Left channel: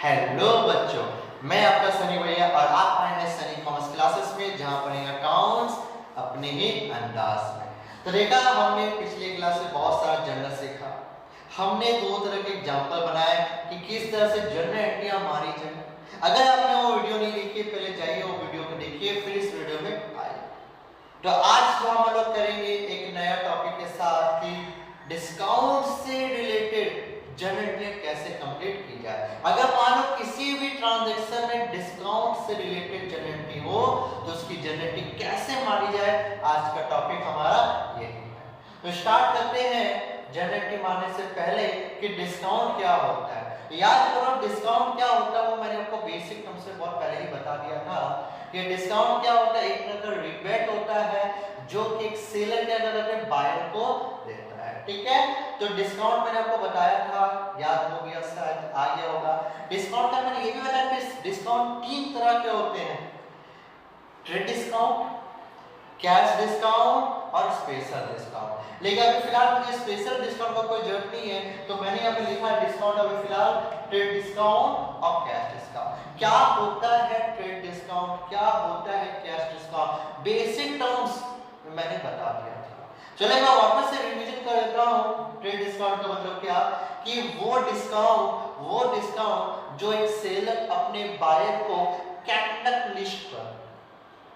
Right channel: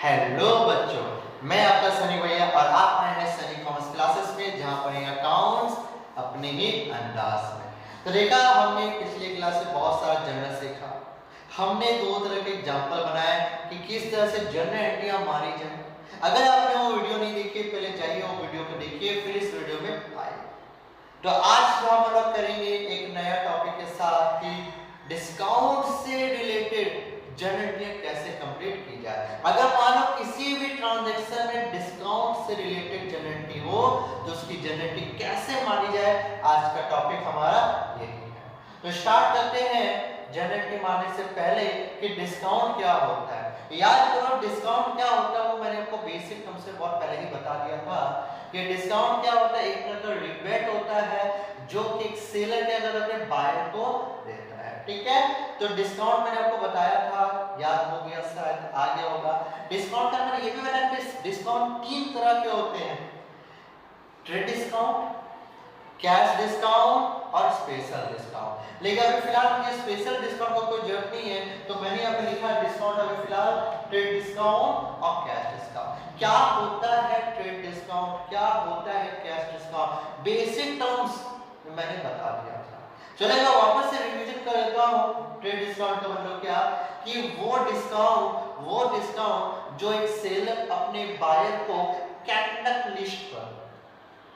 Hello बच्चों, मैं आपका सनी भैया और आप आए हैं सनी कॉमर्स क्लासेस में, जहां पढ़ेंगे अकाउंट्स अपने ही अंदाज में। तो देखा हमने पिछले क्लास में बहुत सारा जनरल सीखा। हमने दो तरह के एग्जांपल बनाए कि किस तरह से जनरल एंट्रियां मारी जाए। अगर आपने वो वीडियो नहीं देखी, पहले जाइए वो वीडियो को देखिए, फिर इस वीडियो में आइए। तो आज जो हम लोग करेंगे एक नया टॉपिक के साथ कि डिस्काउंट से रिलेटेड जनरेटियां कैसे कंप्लीट की जाए। अगर मान लो किसी भी ट्रांजैक्शन में डिस्काउंट से रिलेटेड जनरेटी हो तो उसकी जनरेटी कैसे मारी जाए, आज का टॉपिक हमारा यही है। तो स्टार्ट करते हैं जनरेटी मारने से पहले कि डिस्काउंट क्या होता है। याद करो डिस्काउंट क्या होता है, वो मैंने आपको बेसिक टर्म से बहुत पहले ही बता दिया था कि डिस्काउंट क्या होता है। एक तरह का रिबेट होता है जो कि एक सेलर क्या करता है, बायर को देता है। ठीक है, तो डिस्काउंट मैंने आपको बताया था, याद हो गया, शायद आ गया होगा। डिस्काउंट का मैंने ये भी बताया कि डिस्काउंट तीन तरह के होते हैं: ट्रेड डिस्काउंट, कैश डिस्काउंट और स्पेशल डिस्काउंट। लेकिन अभी फिलहाल मुझे स्पेशल डिस्काउंट का कोई जरूरत नहीं है, तो मैंने यहाँ पे लिखा है डिस्काउंट अभी फिलहाल ट्रेड डिस्काउंट और कैश डिस्काउंट। क्या होता है ट्रेड डिस्काउंट, क्या होता है कैश डिस्काउंट, बेसिक टर्म्स मैंने बता दिया था। चलिए मैं वापस से रिवीजन कर देता हूँ। ट्रेड डिस्काउंट का मतलब क्या कि वो डिस्काउंट जो एक सेलर अपने बायर को कैटलॉग लिस्ट पर,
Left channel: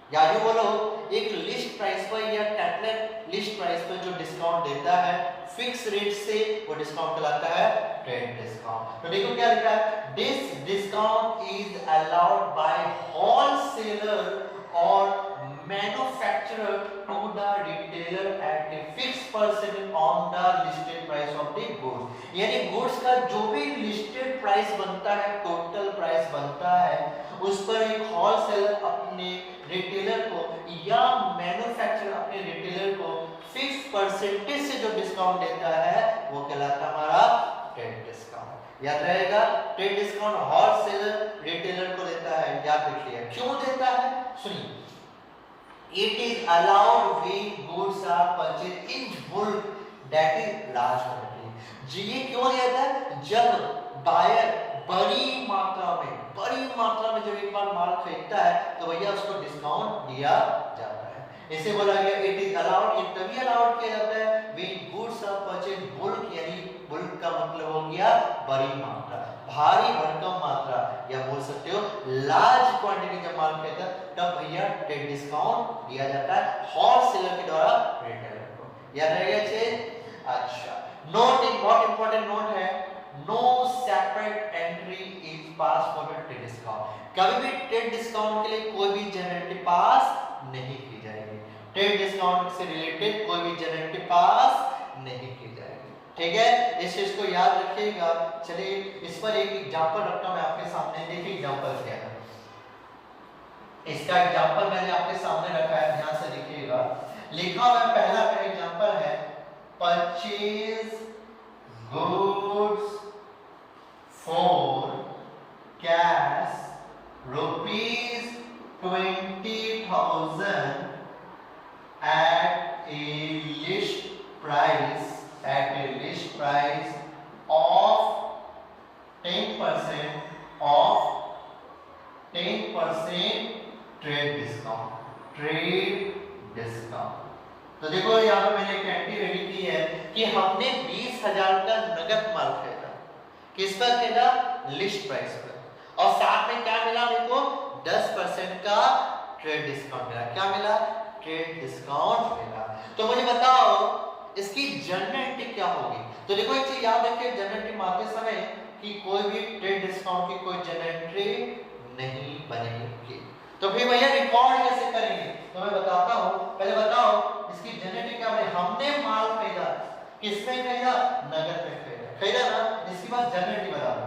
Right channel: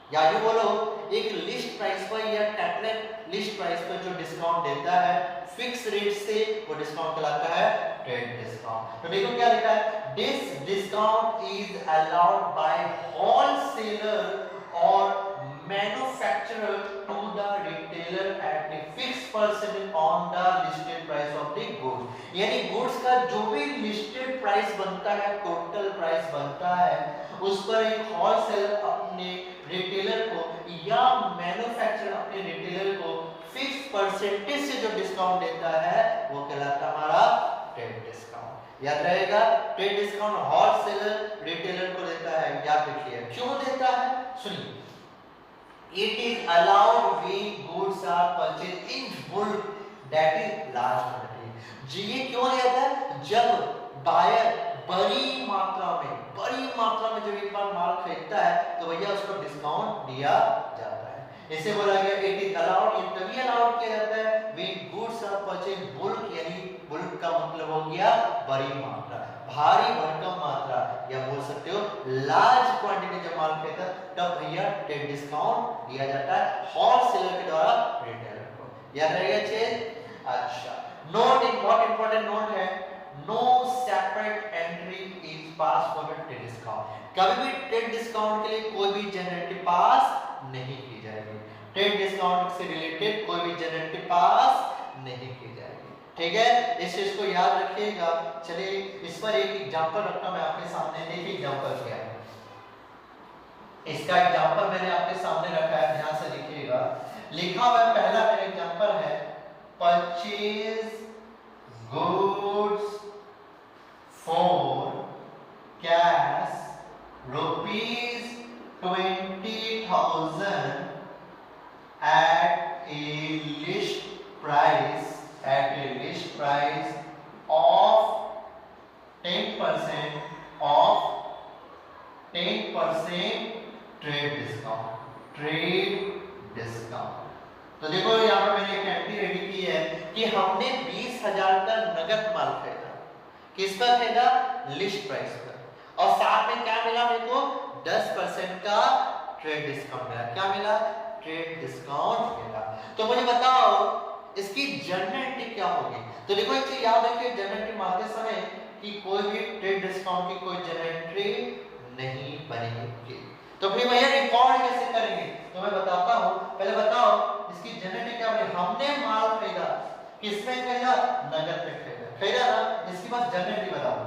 या जो बोलो एक लिस्ट प्राइस पर या कैटलॉग लिस्ट प्राइस पर जो डिस्काउंट देता है फिक्स रेट से, वो डिस्काउंट कहलाता है ट्रेड डिस्काउंट। तो देखो क्या लिखा है, this discount is allowed by wholesaler और manufacturer to the retailer at a fixed percentage on the listed price of the goods। यानी गुड्स का जो भी लिस्टेड प्राइस बनता है, टोटल प्राइस बनता है, उस पर एक होलसेलर अपने रिटेलर को या मैन्युफैक्चरर अपने रिटेलर को फिक्स परसेंटेज से जो डिस्काउंट देता है वो कहलाता हमारा ट्रेड डिस्काउंट। याद रहेगा, ट्रेड डिस्काउंट होलसेलर रिटेलर को देता है। याद रखिए क्यों देता है, सुनिए। It is allowed when goods are purchased in bulk, that is large quantity। जी ये क्यों दिया था, जब बायर बड़ी मात्रा में जब एक बार माल खरीदता है तो भैया उसको डिस्काउंट दिया जाता है। इसे बोला गया इट इज अलाउड, ये तभी अलाउड किया जाता है when goods are purchased bulk, यानी बुल्क का मतलब हो गया बड़ी मात्रा, भारी भरकम मात्रा, या बोल सकते हो लार्ज क्वांटिटी जब माल खरीदता तब भैया ट्रेड डिस्काउंट दिया जाता है होलसेलर के द्वारा रिटेलर को। याद रहेगा चीज। अच्छा, नोट, एक बहुत इंपॉर्टेंट नोट है, no separate entry is pass for the trade discount. कभी भी ट्रेड डिस्काउंट के लिए कोई भी जनरेटिव पास नहीं की जाएगी। ट्रेड डिस्काउंट से रिलेटेड कोई भी जनरेटिव पास नहीं की जाएगी। ठीक है, इस चीज को याद रखिएगा। चलिए इस पर एक एग्जांपल रखता मैं आपके सामने। देखिए एग्जांपल क्या है, इसका एग्जांपल मैंने आपके सामने रखा है, ध्यान से देखिएगा। लिखा हुआ पहला मेरा एग्जांपल है, purchase goods for cash ₹20,000 at a list price of 10% trade discount. तो देखो यहाँ पे मैंने एक एंट्री रेडी की है कि हमने 20,000 का नगद माल खरीदा। किस पर खरीदा, लिस्ट प्राइस पर, और साथ में क्या मिला मेरे को, 10% का ट्रेड डिस्काउंट मिला। क्या मिला, ट्रेड डिस्काउंट मिला। तो मुझे बताओ इसकी जनरल एंट्री क्या होगी। तो देखो एक चीज याद रखिए, जनरल एंट्री मारते समय कि कोई भी ट्रेड डिस्काउंट की कोई जनरल एंट्री नहीं बनेगी। तो फिर भैया रिकॉर्ड कैसे करेंगे, तो मैं बताता हूं। पहले बताओ इसकी जनरल एंट्री क्या बनेगी। हमने माल खरीदा, किसमें खरीदा, नगद में खरीदा ना। इसके बाद जनरल एंट्री बताओ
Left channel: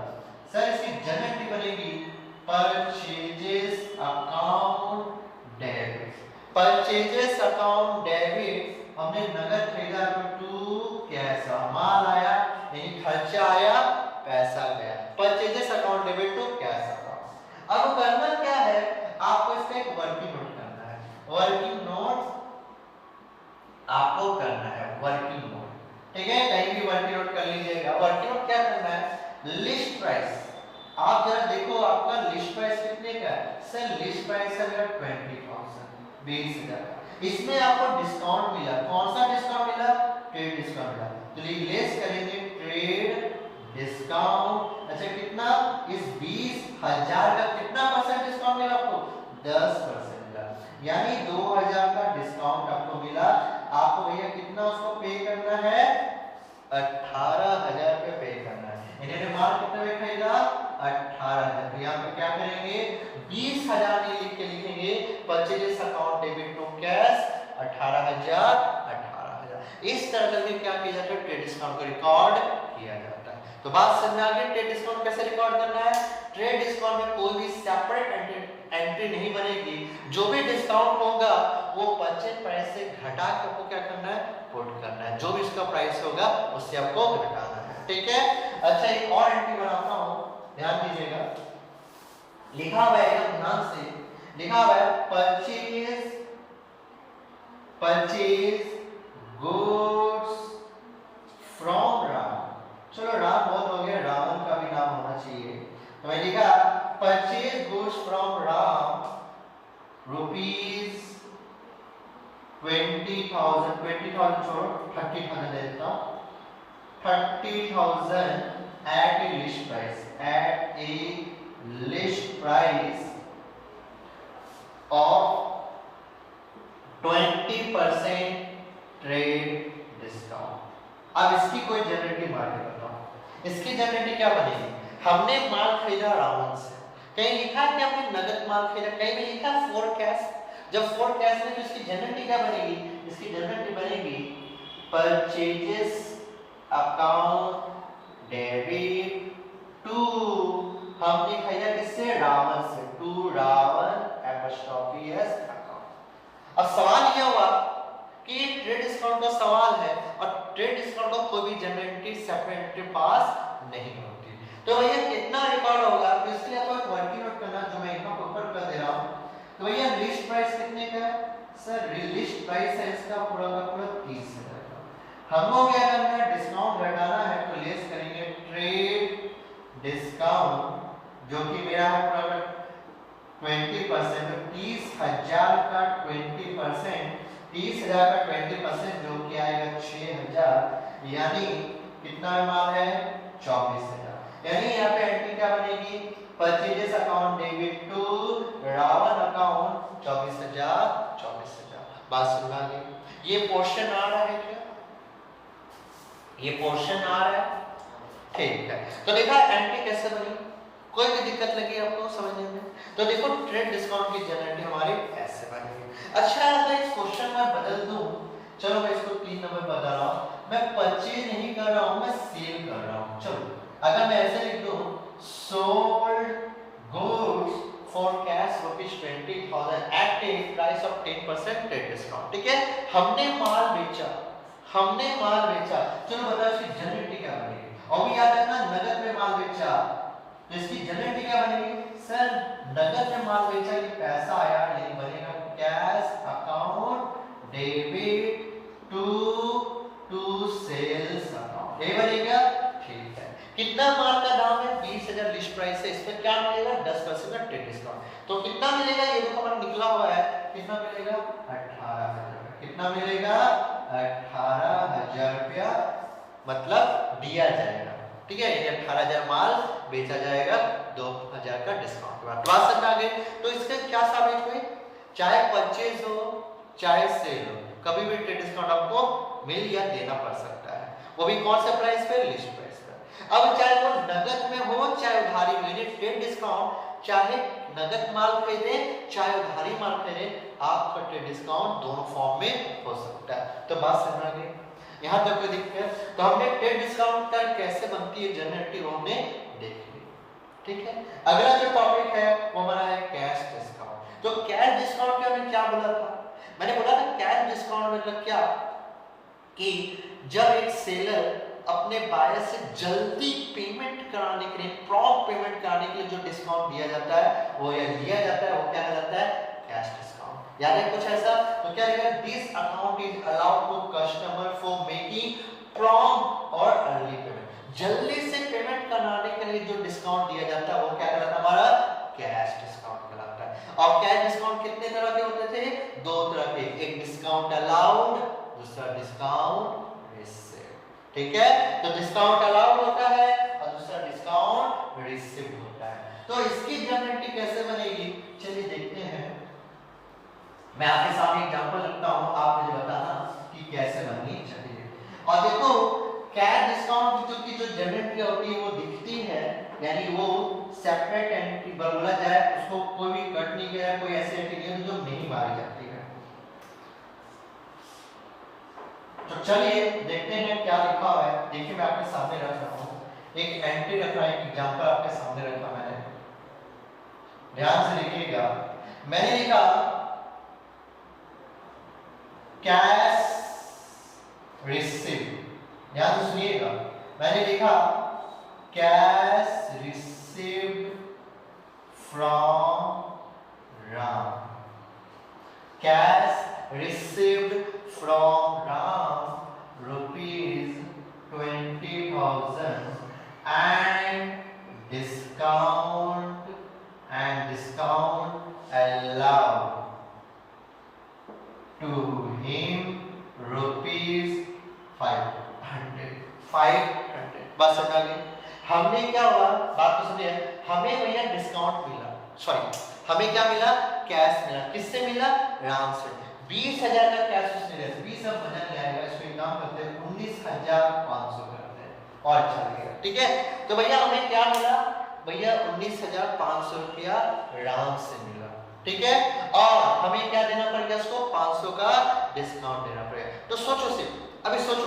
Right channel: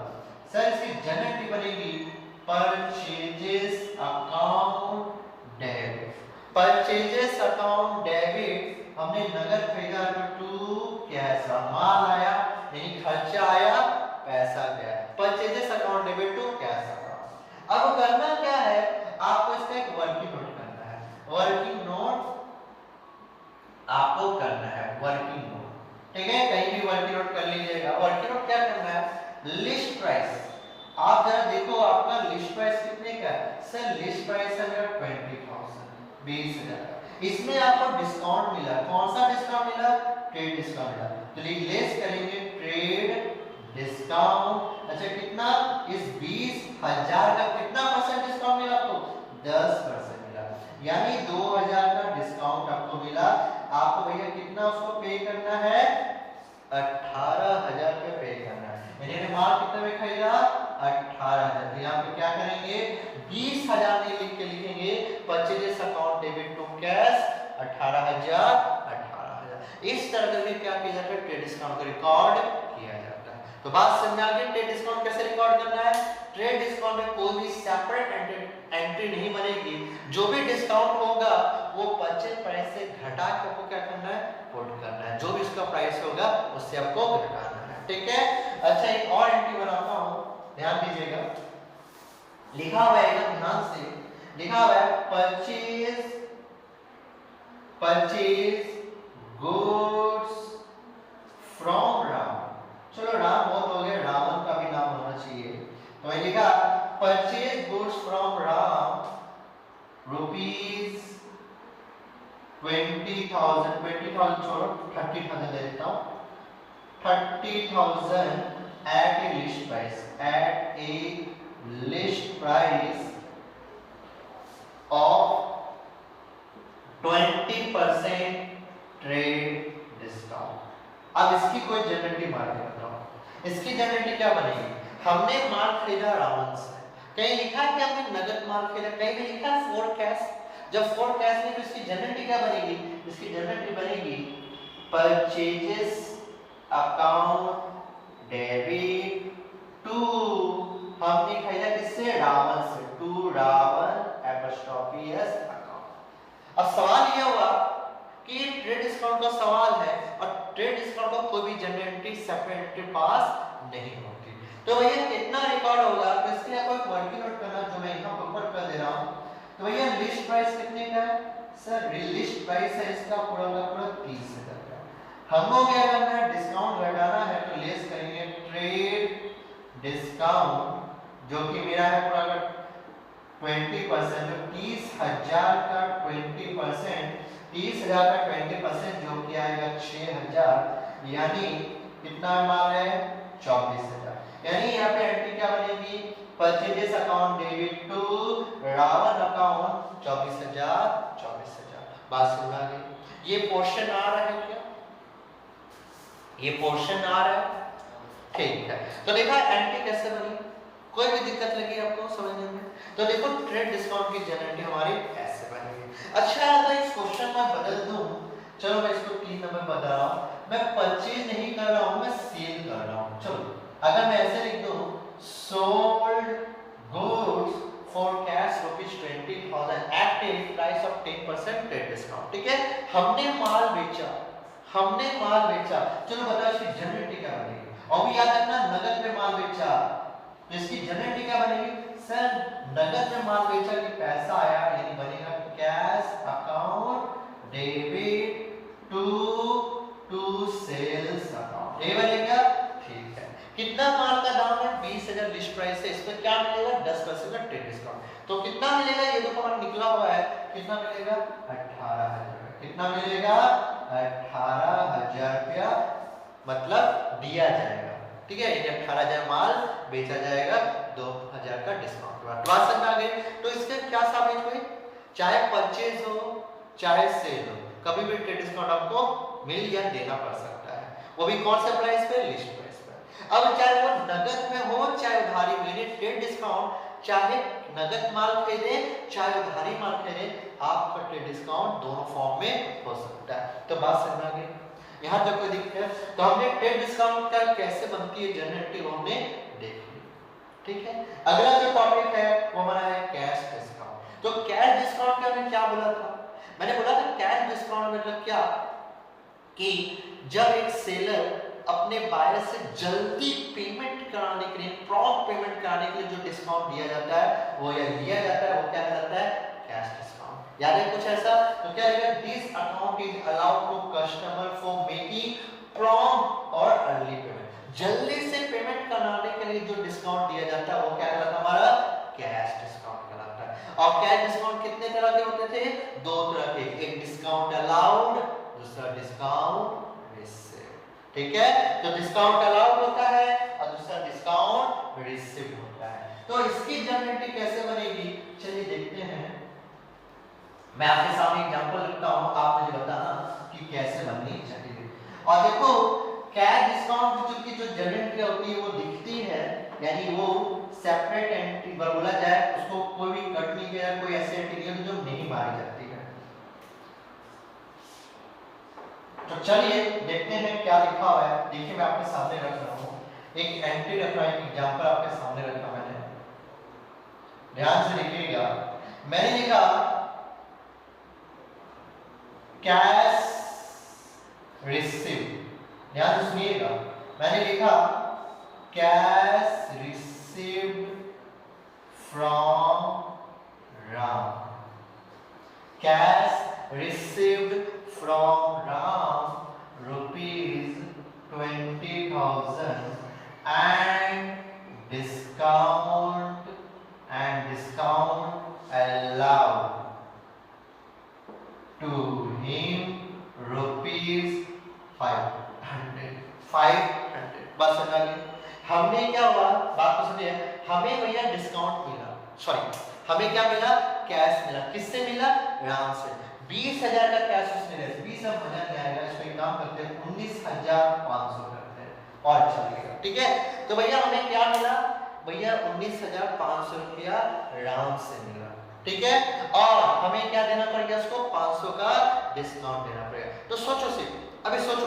सर, इसकी जनरल एंट्री बनेगी purchases account debit. Purchases account debit, हमने नगद खरीदा तो टू कैश, माल आया यानी खर्चा आया, पैसा गया। Purchases account debit to cash account. अब करना क्या है, आपको इसका एक वर्किंग नोट करना है। वर्किंग नोट आपको करना है, वर्किंग नोट। ठीक है, कहीं भी वर्किंग नोट कर लीजिएगा। वर्किंग नोट क्या करना है, लिस्ट प्राइस। आप जरा सर लिस्ट प्राइस है मेरा 20,000, 20,000। इसमें आपको डिस्काउंट मिला, कौन सा डिस्काउंट मिला? ट्रेड डिस्काउंट मिला। तो लेस करेंगे ट्रेड डिस्काउंट। अच्छा कितना? इस 20,000 का कितना परसेंट डिस्काउंट मिला आपको? 10% मिला, यानी 2,000 का डिस्काउंट आपको मिला। आपको भैया कितना उसको पे करना है? 18,000 पे पे करना है। इन्होंने माल कितना में खरीदा? 18,000। तो यहाँ पे क्या करेंगे? 20,000 नहीं लिख के लिखेंगे purchase account debit to cash 18,000 18,000। इस तरह से क्या किया जाता है? ट्रेड डिस्काउंट को रिकॉर्ड किया जाता है। तो बात समझ में आ गई? ट्रेड डिस्काउंट कैसे रिकॉर्ड करना है? ट्रेड डिस्काउंट में कोई भी सेपरेट एंट्री नहीं बनेगी। जो भी डिस्काउंट होगा वो परचेज प्राइस से घटा के आपको क्या करना है? पुट करना है। जो भी इसका प्राइस होगा उससे आपको घटाना है, ठीक है। अच्छा एक और एंट्री बनाता हूं, ध्यान दीजिएगा। लिखा हुआ है एकदम ध्यान से, लिखा हुआ है परचेज गुड्स फ्रॉम राम। चलो राम बहुत हो गया, रावण का भी नाम होना चाहिए। तो मैं लिखा purchase goods from Ram rupees 20,000, 20,000 छोड़ो 30,000 दे देता हूं। 30,000 at a list price, at a list price of 20% trade discount. अब इसकी कोई जनरेटिव मार्केट बताओ। इसकी जनरेटिव क्या बनेगी? हमने माल खरीदा रावण से, कहीं लिखा है कि हमने नगद माल खरीदा, कहीं भी लिखा है फॉर कैश। जब फॉर कैश में तो इसकी जनरेटिव क्या बनेगी? इसकी जनरेटिव बनेगी परचेजेस अकाउंट डेबिट टू, हमने खरीदा किससे? रावण से, to Ravan apostrophe S account. अब सवाल यह हुआ कि ट्रेड डिस्काउंट का सवाल है और ट्रेड डिस्काउंट का कोई भी जनरेटिव सेपरेट पास नहीं होती, तो भैया कितना रिकॉर्ड होगा? तो इसके लिए आपको एक वर्किंग नोट करना, जो मैं यहाँ ऊपर कर दे रहा हूँ। तो भैया लिस्ट प्राइस कितने का है? सर लिस्ट प्राइस है इसका पूरा का पूरा 30,000 का। हमको क्या करना है? डिस्काउंट घटाना है, तो लेस करेंगे ट्रेड डिस्काउंट, जो कि मेरा है पूरा 20%, 30,000 का 20%, 30,000 का 20% जो कि आएगा 6,000, यानी कितना माल है? 24,000। यानी यहाँ पे एंट्री क्या बनेगी? Purchases account debit to Ravan account 24,000, 24,000। बात समझ आ गई? ये पोर्शन आ रहा है क्या? ये पोर्शन आ रहा है, ठीक है। तो देखा एंट्री कैसे बनी? कोई भी दिक्कत लगी आपको समझने में? तो देखो ट्रेड डिस्काउंट की जनरेटिव हमारी ऐसे बनेगी। अच्छा अगर इस क्वेश्चन में बदल दूं, चलो मैं इसको 3 नंबर बता रहा हूं, मैं परचेज नहीं कर रहा हूं, मैं सेल कर रहा हूं। चलो अगर मैं ऐसे लिख दूं sold goods for cash ₹20,000 at a price of 10% trade discount, ठीक है। हमने माल बेचा, हमने माल बेचा। चलो बताओ इसकी जनरेटिव क्या बनेगी? और भी याद रखना नगद में माल बेचा, तो इसकी जनरेटिव क्या बनेगी? सर नगद में माल बेचा, ये पैसा आया नहीं, बनेगा cash account debit to sales account, ये बनेगा, ठीक है। कितना माल का दाम है? 20,000 लिस्ट प्राइस है, इस पर क्या मिलेगा? 10% का ट्रेड डिस्काउंट। तो कितना मिलेगा? ये देखो हमारा निकला हुआ है, कितना मिलेगा? 18,000। कितना मिलेगा? 18,000 रुपया मतलब दिया जाएगा, ठीक है। ये 18,000 माल बेचा जाएगा, 2,000 का डिस्काउंट। बात समझ आ गई? तो इससे क्या साबित हुई? चाहे परचेज हो चाहे सेल हो, कभी भी ट्रेड डिस्काउंट आपको मिल या देना पड़ सकता है, वो भी कौन से प्राइस पे? लिस्ट प्राइस पे। अब चाहे वो नगद में हो चाहे उधारी में, ट्रेड डिस्काउंट चाहे नगद माल खरीदे चाहे उधारी माल खरीदे, आपका ट्रेड डिस्काउंट दोनों फॉर्म में हो सकता है। तो बात समझ आ गई? यहाँ तक कोई दिक्कत है? तो हमने ट्रेड डिस्काउंट का कैसे बनती है जनरेटिव हमने देख ली, ठीक है। अगला जो टॉपिक है वो हमारा है कैश डिस्काउंट। तो कैश डिस्काउंट के हमने क्या बोला था? मैंने बोला था कैश डिस्काउंट मतलब क्या कि जब एक सेलर अपने बायर से जल्दी पेमेंट कराने के लिए, प्रॉम्प्ट पेमेंट कराने के लिए जो डिस्काउंट दिया जाता है वो या लिया जाता है वो क्या कहलाता है? Cash discount. याद है कुछ ऐसा? तो क्या रहेगा? This account is allowed to customer for making prompt और अर्ली पेमेंट, जल्दी से पेमेंट कराने के लिए जो डिस्काउंट दिया जाता है वो क्या कहलाता है? हमारा कैश डिस्काउंट कहलाता है। और कैश डिस्काउंट कितने तरह के होते थे? दो तरह के, एक डिस्काउंट अलाउड, दूसरा डिस्काउंट रिसीव। ठीक है, तो डिस्काउंट अलाउड होता है और दूसरा डिस्काउंट रिसीव होता है। तो इसकी जर्नल एंट्री कैसे बनेगी, चलिए देखते हैं। मैं आपके सामने एग्जांपल रखता हूं, आप मुझे बताना कि कैसे बननी चाहिए। और देखो कैश डिस्काउंट की जो जर्नल एंट्री होती है वो दिखती है, यानी वो सेपरेट एंट्री बोला जाए, उसको कोई भी कट नहीं किया, कोई ऐसी एंट्री नहीं जो नहीं मारी जाती है। तो चलिए देखते हैं क्या लिखा हुआ है। देखिए मैं आपके सामने रख रहा हूँ, एक एंट्री रख रहा हूँ, एक एग्जांपल आपके सामने रखा मैंने, ध्यान से लिखिएगा। मैंने लिखा कैश रिसीव, ध्यान से सुनिएगा। मैंने लिखा cash received from Ram, cash received from Ram rupees 20,000 and discount allowed to him rupees 500। बस समझ गए। हमने क्या हुआ, बात को समझिए, हमें भैया डिस्काउंट मिला, सॉरी हमें क्या मिला, कैश मिला। किससे मिला? राम से। 20,000 का कैश उसने दिया, 20 अब मजा नहीं आएगा, इसमें काम करते हैं 19,500 करते हैं और चलिएगा। ठीक है, तो भैया हमें क्या मिला, भैया 19,500 रुपया राम से मिला। ठीक है, और हमें क्या देना पड़ेगा, उसको 500 का डिस्काउंट देना पड़ेगा। तो सोचो सिर्फ, अभी सोचो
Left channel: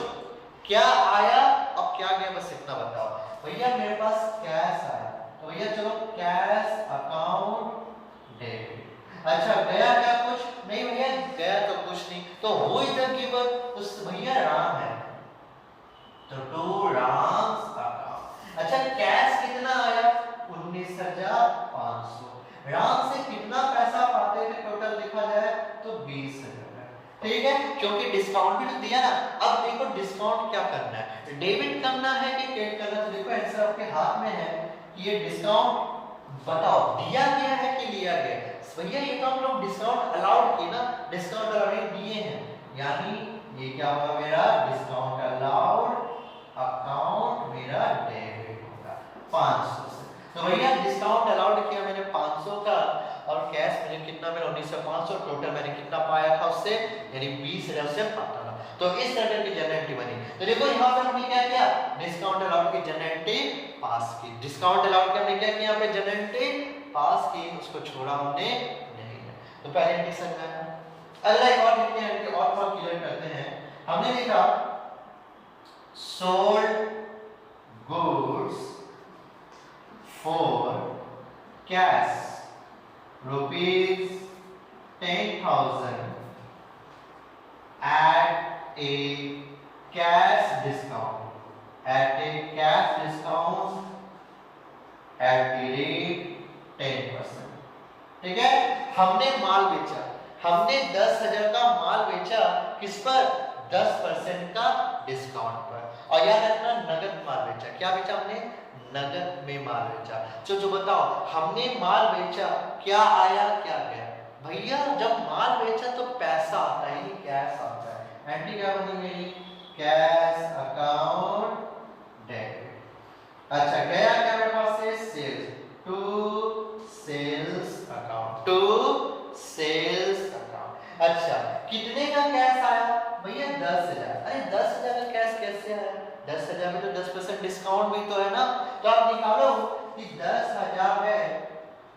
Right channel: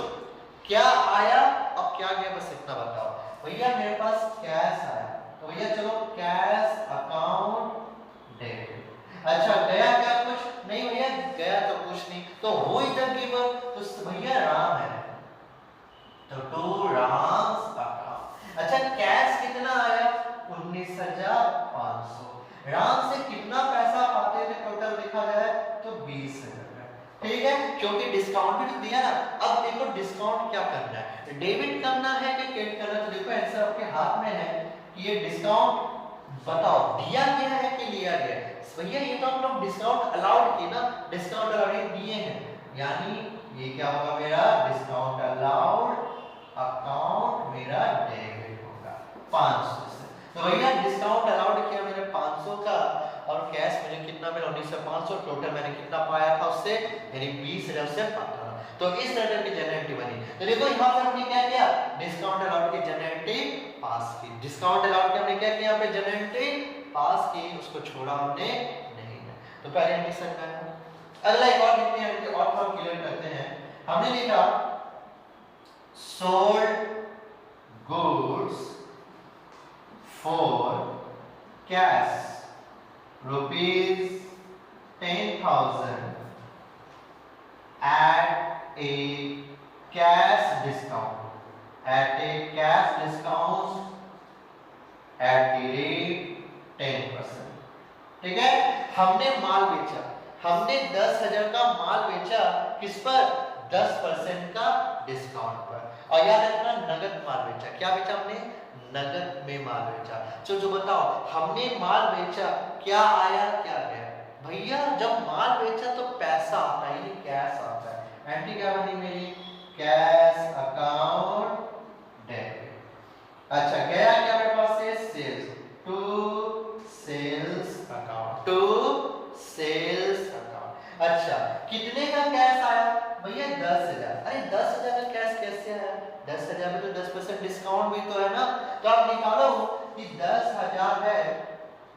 क्या आया और क्या गया, बस इतना बताओ। भैया मेरे पास कैश आया, तो भैया चलो कैश अकाउंट डेबिट। अच्छा गया क्या, कुछ नहीं भैया, गया तो कुछ नहीं, तो वो इधर गिवर, तो भैया राम है, तो टू राम्स अकाउंट। अच्छा कैश कितना आया, 19,500। राम से कितना पैसा पाते थे टोटल देखा जाए तो 20,000। ठीक है, क्योंकि डिस्काउंट भी तो दिया ना। अब देखो डिस्काउंट क्या करना है, डेबिट करना है कि क्रेडिट करना है, तो देखो आंसर आपके हाथ में है कि ये डिस्काउंट बताओ दिया गया है कि लिया गया है। भैया ये तो हम लोग डिस्काउंट अलाउड की ना, डिस्काउंट अलाउड दिए हैं, यानी ये क्या होगा मेरा डिस्काउंट अलाउड अकाउंट मेरा डेबिट होगा 500 से। तो भैया डिस्काउंट अलाउड किया मैंने 500 का और कैश मैंने कितना मिला 19,500, टोटल मैंने कितना पाया था उससे, यानी 20,000 से पाता था। तो इस तरह की जर्नल एंट्री बनी। तो देखो यहाँ पे हमने क्या किया, डिस्काउंट अलाउड की जर्नल एंट्री पास की, डिस्काउंट अलाउड की हमने क्या किया, यहाँ पे जर्नल एंट्री पास की, उसको छोड़ा हमने नहीं। तो पहले एंट्री समझाया। अगला एक और लिखते हैं और थोड़ा क्लियर करते हैं। हमने लिखा sold goods for cash rupees 10,000 at a cash discount at the rate 10%। ठीक है, हमने माल बेचा, हमने 10,000 का माल बेचा, किस पर, 10% का डिस्काउंट पर। और याद रखना नगद माल बेचा, क्या बेचा हमने, नगद में माल बेचा। जो बताओ हमने माल बेचा, क्या आया क्या गया, भैया जब माल बेचा तो पैसा आता है, कैश आता है। एंट्री क्या बनी मेरी, कैश अकाउंट डेबिट। अच्छा गया क्या मेरे पास से, sales, to sales account, to sales account. अच्छा कितने का कैश आया, भैया 10,000। अरे 10,000 का कैश कैसे आया, 10,000 में तो 10% डिस्काउंट भी तो है ना। तो आप निकालो कि 10,000 है,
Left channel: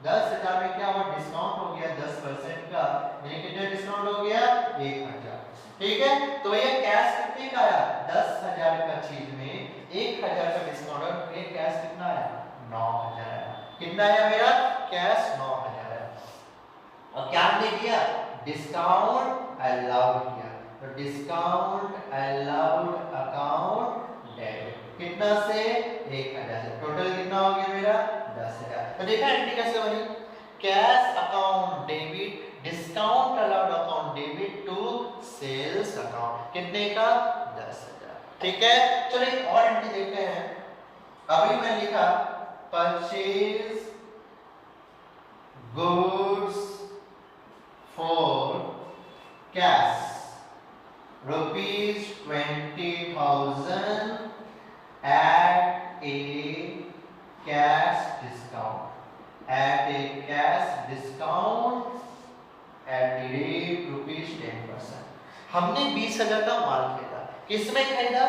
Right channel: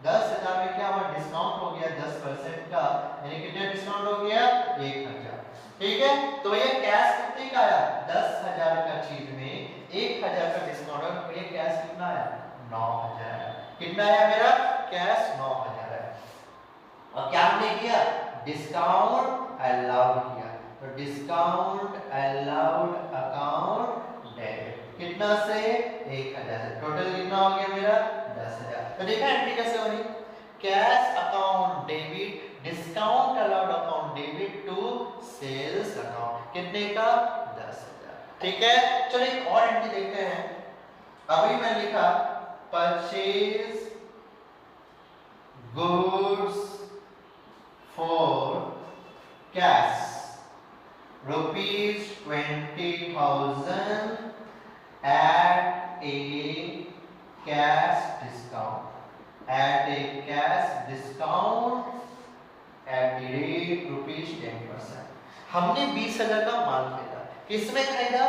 10,000 में क्या हुआ, डिस्काउंट हो गया 10% का, यानी कितना डिस्काउंट हो गया, 1,000। ठीक है, तो भैया कैश कितने का आया, 10,000 का चीज में 1,000 का डिस्काउंट है, तो भैया कैश कितना आया, 9,000 आया। कितना आया मेरा कैश, 9,000 है। और क्या हमने किया, डिस्काउंट अलाउड किया, तो डिस्काउंट अलाउड अकाउंट डेबिट, कितना से, 1,000 से। टोटल कितना हो गया मेरा, 10,000। तो देखा एंट्री कैसे बनी, cash account debit, discount allowed account debit to sales account, कितने का, 10,000। ठीक है, चलो एक और एंट्री देखते हैं। अभी मैंने लिखा purchase goods cash ₹20,000 at a cash discount at the rate ₹10%। हमने 20,000 का माल खरीदा, किसमें खरीदा?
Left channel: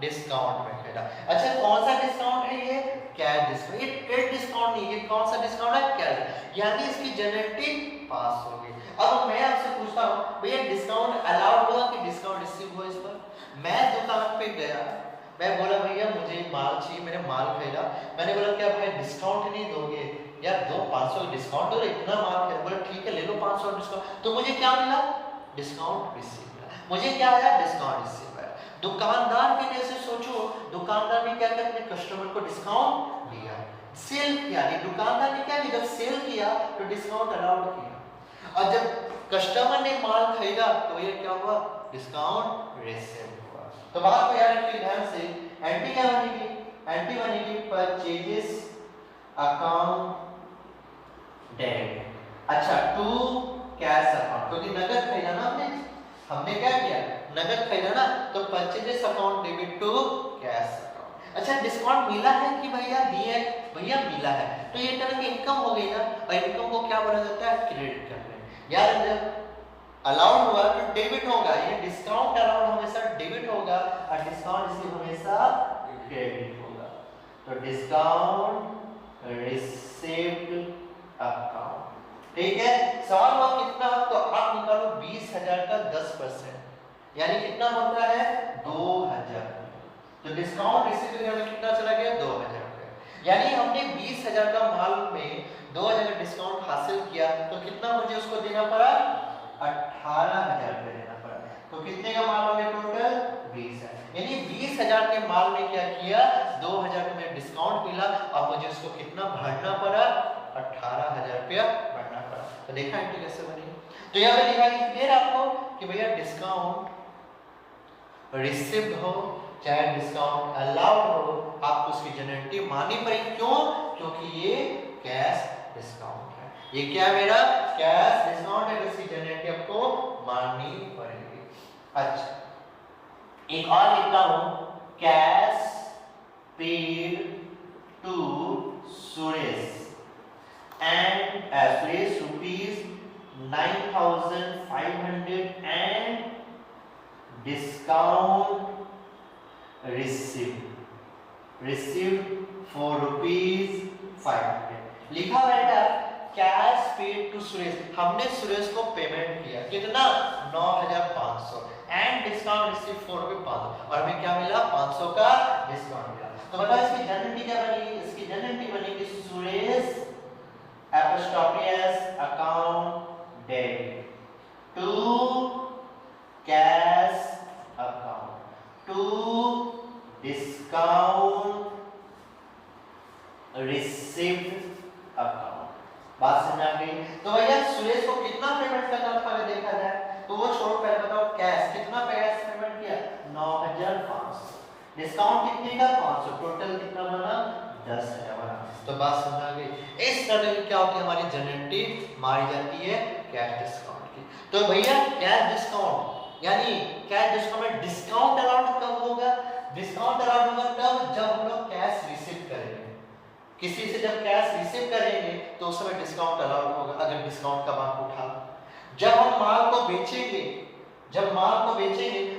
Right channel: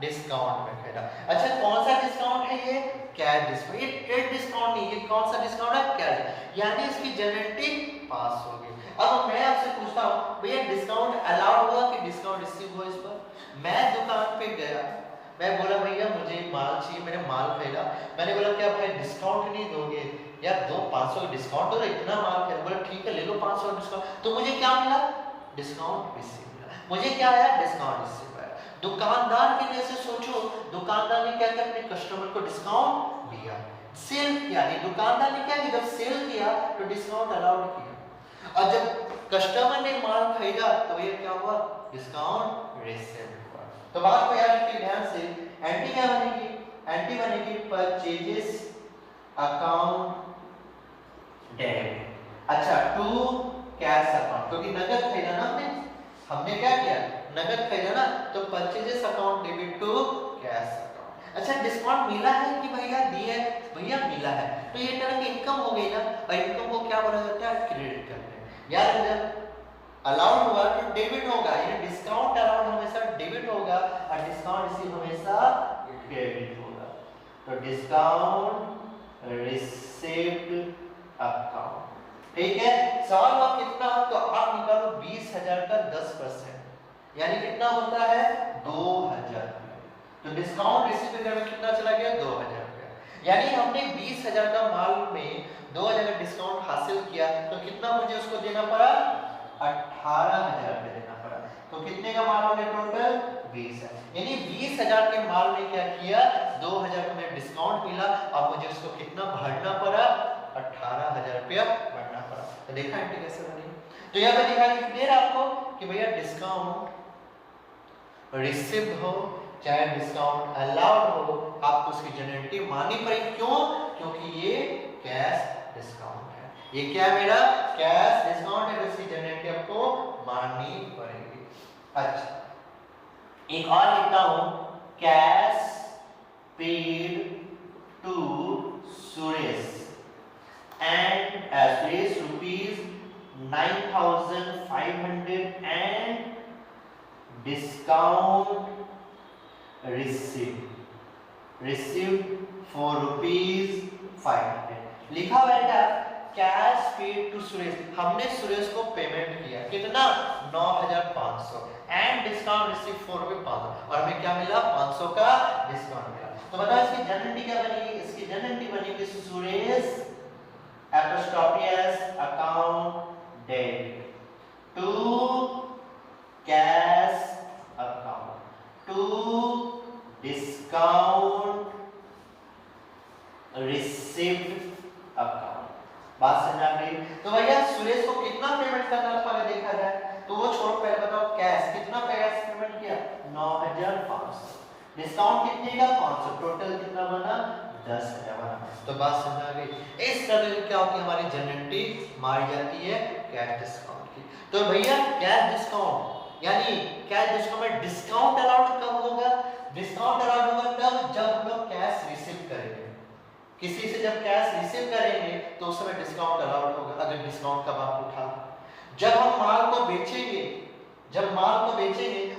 डिस्काउंट में खरीदा। अच्छा कौन सा डिस्काउंट है ये? Cash discount. ये ट्रेड डिस्काउंट नहीं, ये कौन सा डिस्काउंट है? कैश, यानी इसकी जेनरेटिव पास हो गई। अब मैं आपसे पूछता हूँ भैया डिस्काउंट अलाउड हुआ कि डिस्काउंट रिसीव हुआ इस पर? मैं दुकान पे गया, मैं बोला भैया मुझे माल चाहिए, मैंने माल खरीदा, मैंने बोला क्या भाई डिस्काउंट नहीं दोगे? यार दो 500 डिस्काउंट दो, इतना माल खरीदा। बोला ठीक है ले लो 500 डिस्काउंट। तो मुझे क्या मिला? डिस्काउंट रिसीव मिला। मुझे क्या आया? डिस्काउंट रिसीव आया। दुकानदार के लिए से सोचो, दुकानदार ने क्या किया? अपने कस्टमर को डिस्काउंट दिया, सेल किया। ये दुकानदार ने क्या किया? जब सेल किया तो डिस्काउंट अलाउड किया, और जब कस्टमर ने माल खरीदा तो ये क्या हुआ? डिस्काउंट रिसीव हुआ। तो बात को याद रखिए ध्यान से। एंटी क्या बनेगी? एंटी बनेगी परचेजेस अकाउंट डेबिट। अच्छा टू कैश अकाउंट, क्योंकि नगद खरीदा ना हमने क्या किया? नगद खरीदा ना, तो purchases account debit to cash account. अच्छा डिस्काउंट मिला है कि भैया दिए? भैया मिला है, तो ये तरह की इनकम हो गई ना, और इनकम को क्या बोला जाता है? क्रेडिट करते हैं। यार जब अलाउड हुआ तो डेबिट होगा, ये डिस्काउंट अलाउड हमेशा डेबिट होगा और डिस्काउंट रिसीव हमेशा क्रेडिट होगा। तो डिस्काउंट रिसीव्ड अकाउंट, ठीक है। सवाल हुआ कितना? तो आप निकालो 20,000 का 10%, यानी कितना होता है? 2,000। तो डिस्काउंट रिसीव में कितना चला गया? 2,000 रुपया। यानी हमने 20,000 का माल में 2,000 का डिस्काउंट हासिल किया, तो कितना मुझे उसको देना पड़ा? 18,000 रुपये देना पड़ा। तो कितने का माल हो गया टोटल? 20,000। यानी 20,000 के माल में क्या किया? 2,000 का मुझे डिस्काउंट मिला और मुझे उसको कितना भरना पड़ा? 18,000 रुपया भरना पड़ा। तो देखा एंट्री कैसे बनी? तो यहाँ पे लिखा क्लियर आपको कि भैया डिस्काउंट रिसीव्ड हो चाहे डिस्काउंट अलाउड हो, आपको उसकी जेनरेटिव माननी पड़ेगी। क्यों? क्योंकि ये कैश डिस्काउंट है। ये क्या है मेरा? कैश डिस्काउंट है, इसकी जेनरेटिव आपको माननी पड़ेगी। अच्छा एक और लिखता हूं, cash paid to Suresh and Suresh ₹9,500 and discount received for ₹500। लिखा बेटा कैश पेड टू सुरेश, हमने सुरेश को पेमेंट किया कितना? 9,500 एंड डिस्काउंट रिसीव फॉर ₹500, और हमें क्या मिला? 500 का डिस्काउंट मिला। तो बताओ इसकी जेनरेटिव क्या बनेगी? इसकी जेनरेटिव बनेगी Suresh apostrophe account debit to cash account to discount received account। बात समझ आ गई? तो भैया सुरेश को कितना पेमेंट करना था अगर देखा जाए तो वो छोड़ो, पहले बताओ कैश कितना पेमेंट किया? 9,500। डिस्काउंट कितने का? 500। टोटल कितना बना? 10,000 बना। तो बात समझ आ गई? इस तरह की क्या होती है हमारी जेनरेटिव मारी जाती है कैश डिस्काउंट की। तो भैया कैश डिस्काउंट यानी कैश डिस्काउंट में डिस्काउंट अलाउड कब होगा? डिस्काउंट अलाउड होगा तब जब हम लोग कैश रिसीव करेंगे, किसी से जब कैश रिसीव करेंगे तो उस समय डिस्काउंट अलाउड होगा, अगर डिस्काउंट का बात उठा। जब हम माल को बेचेंगे,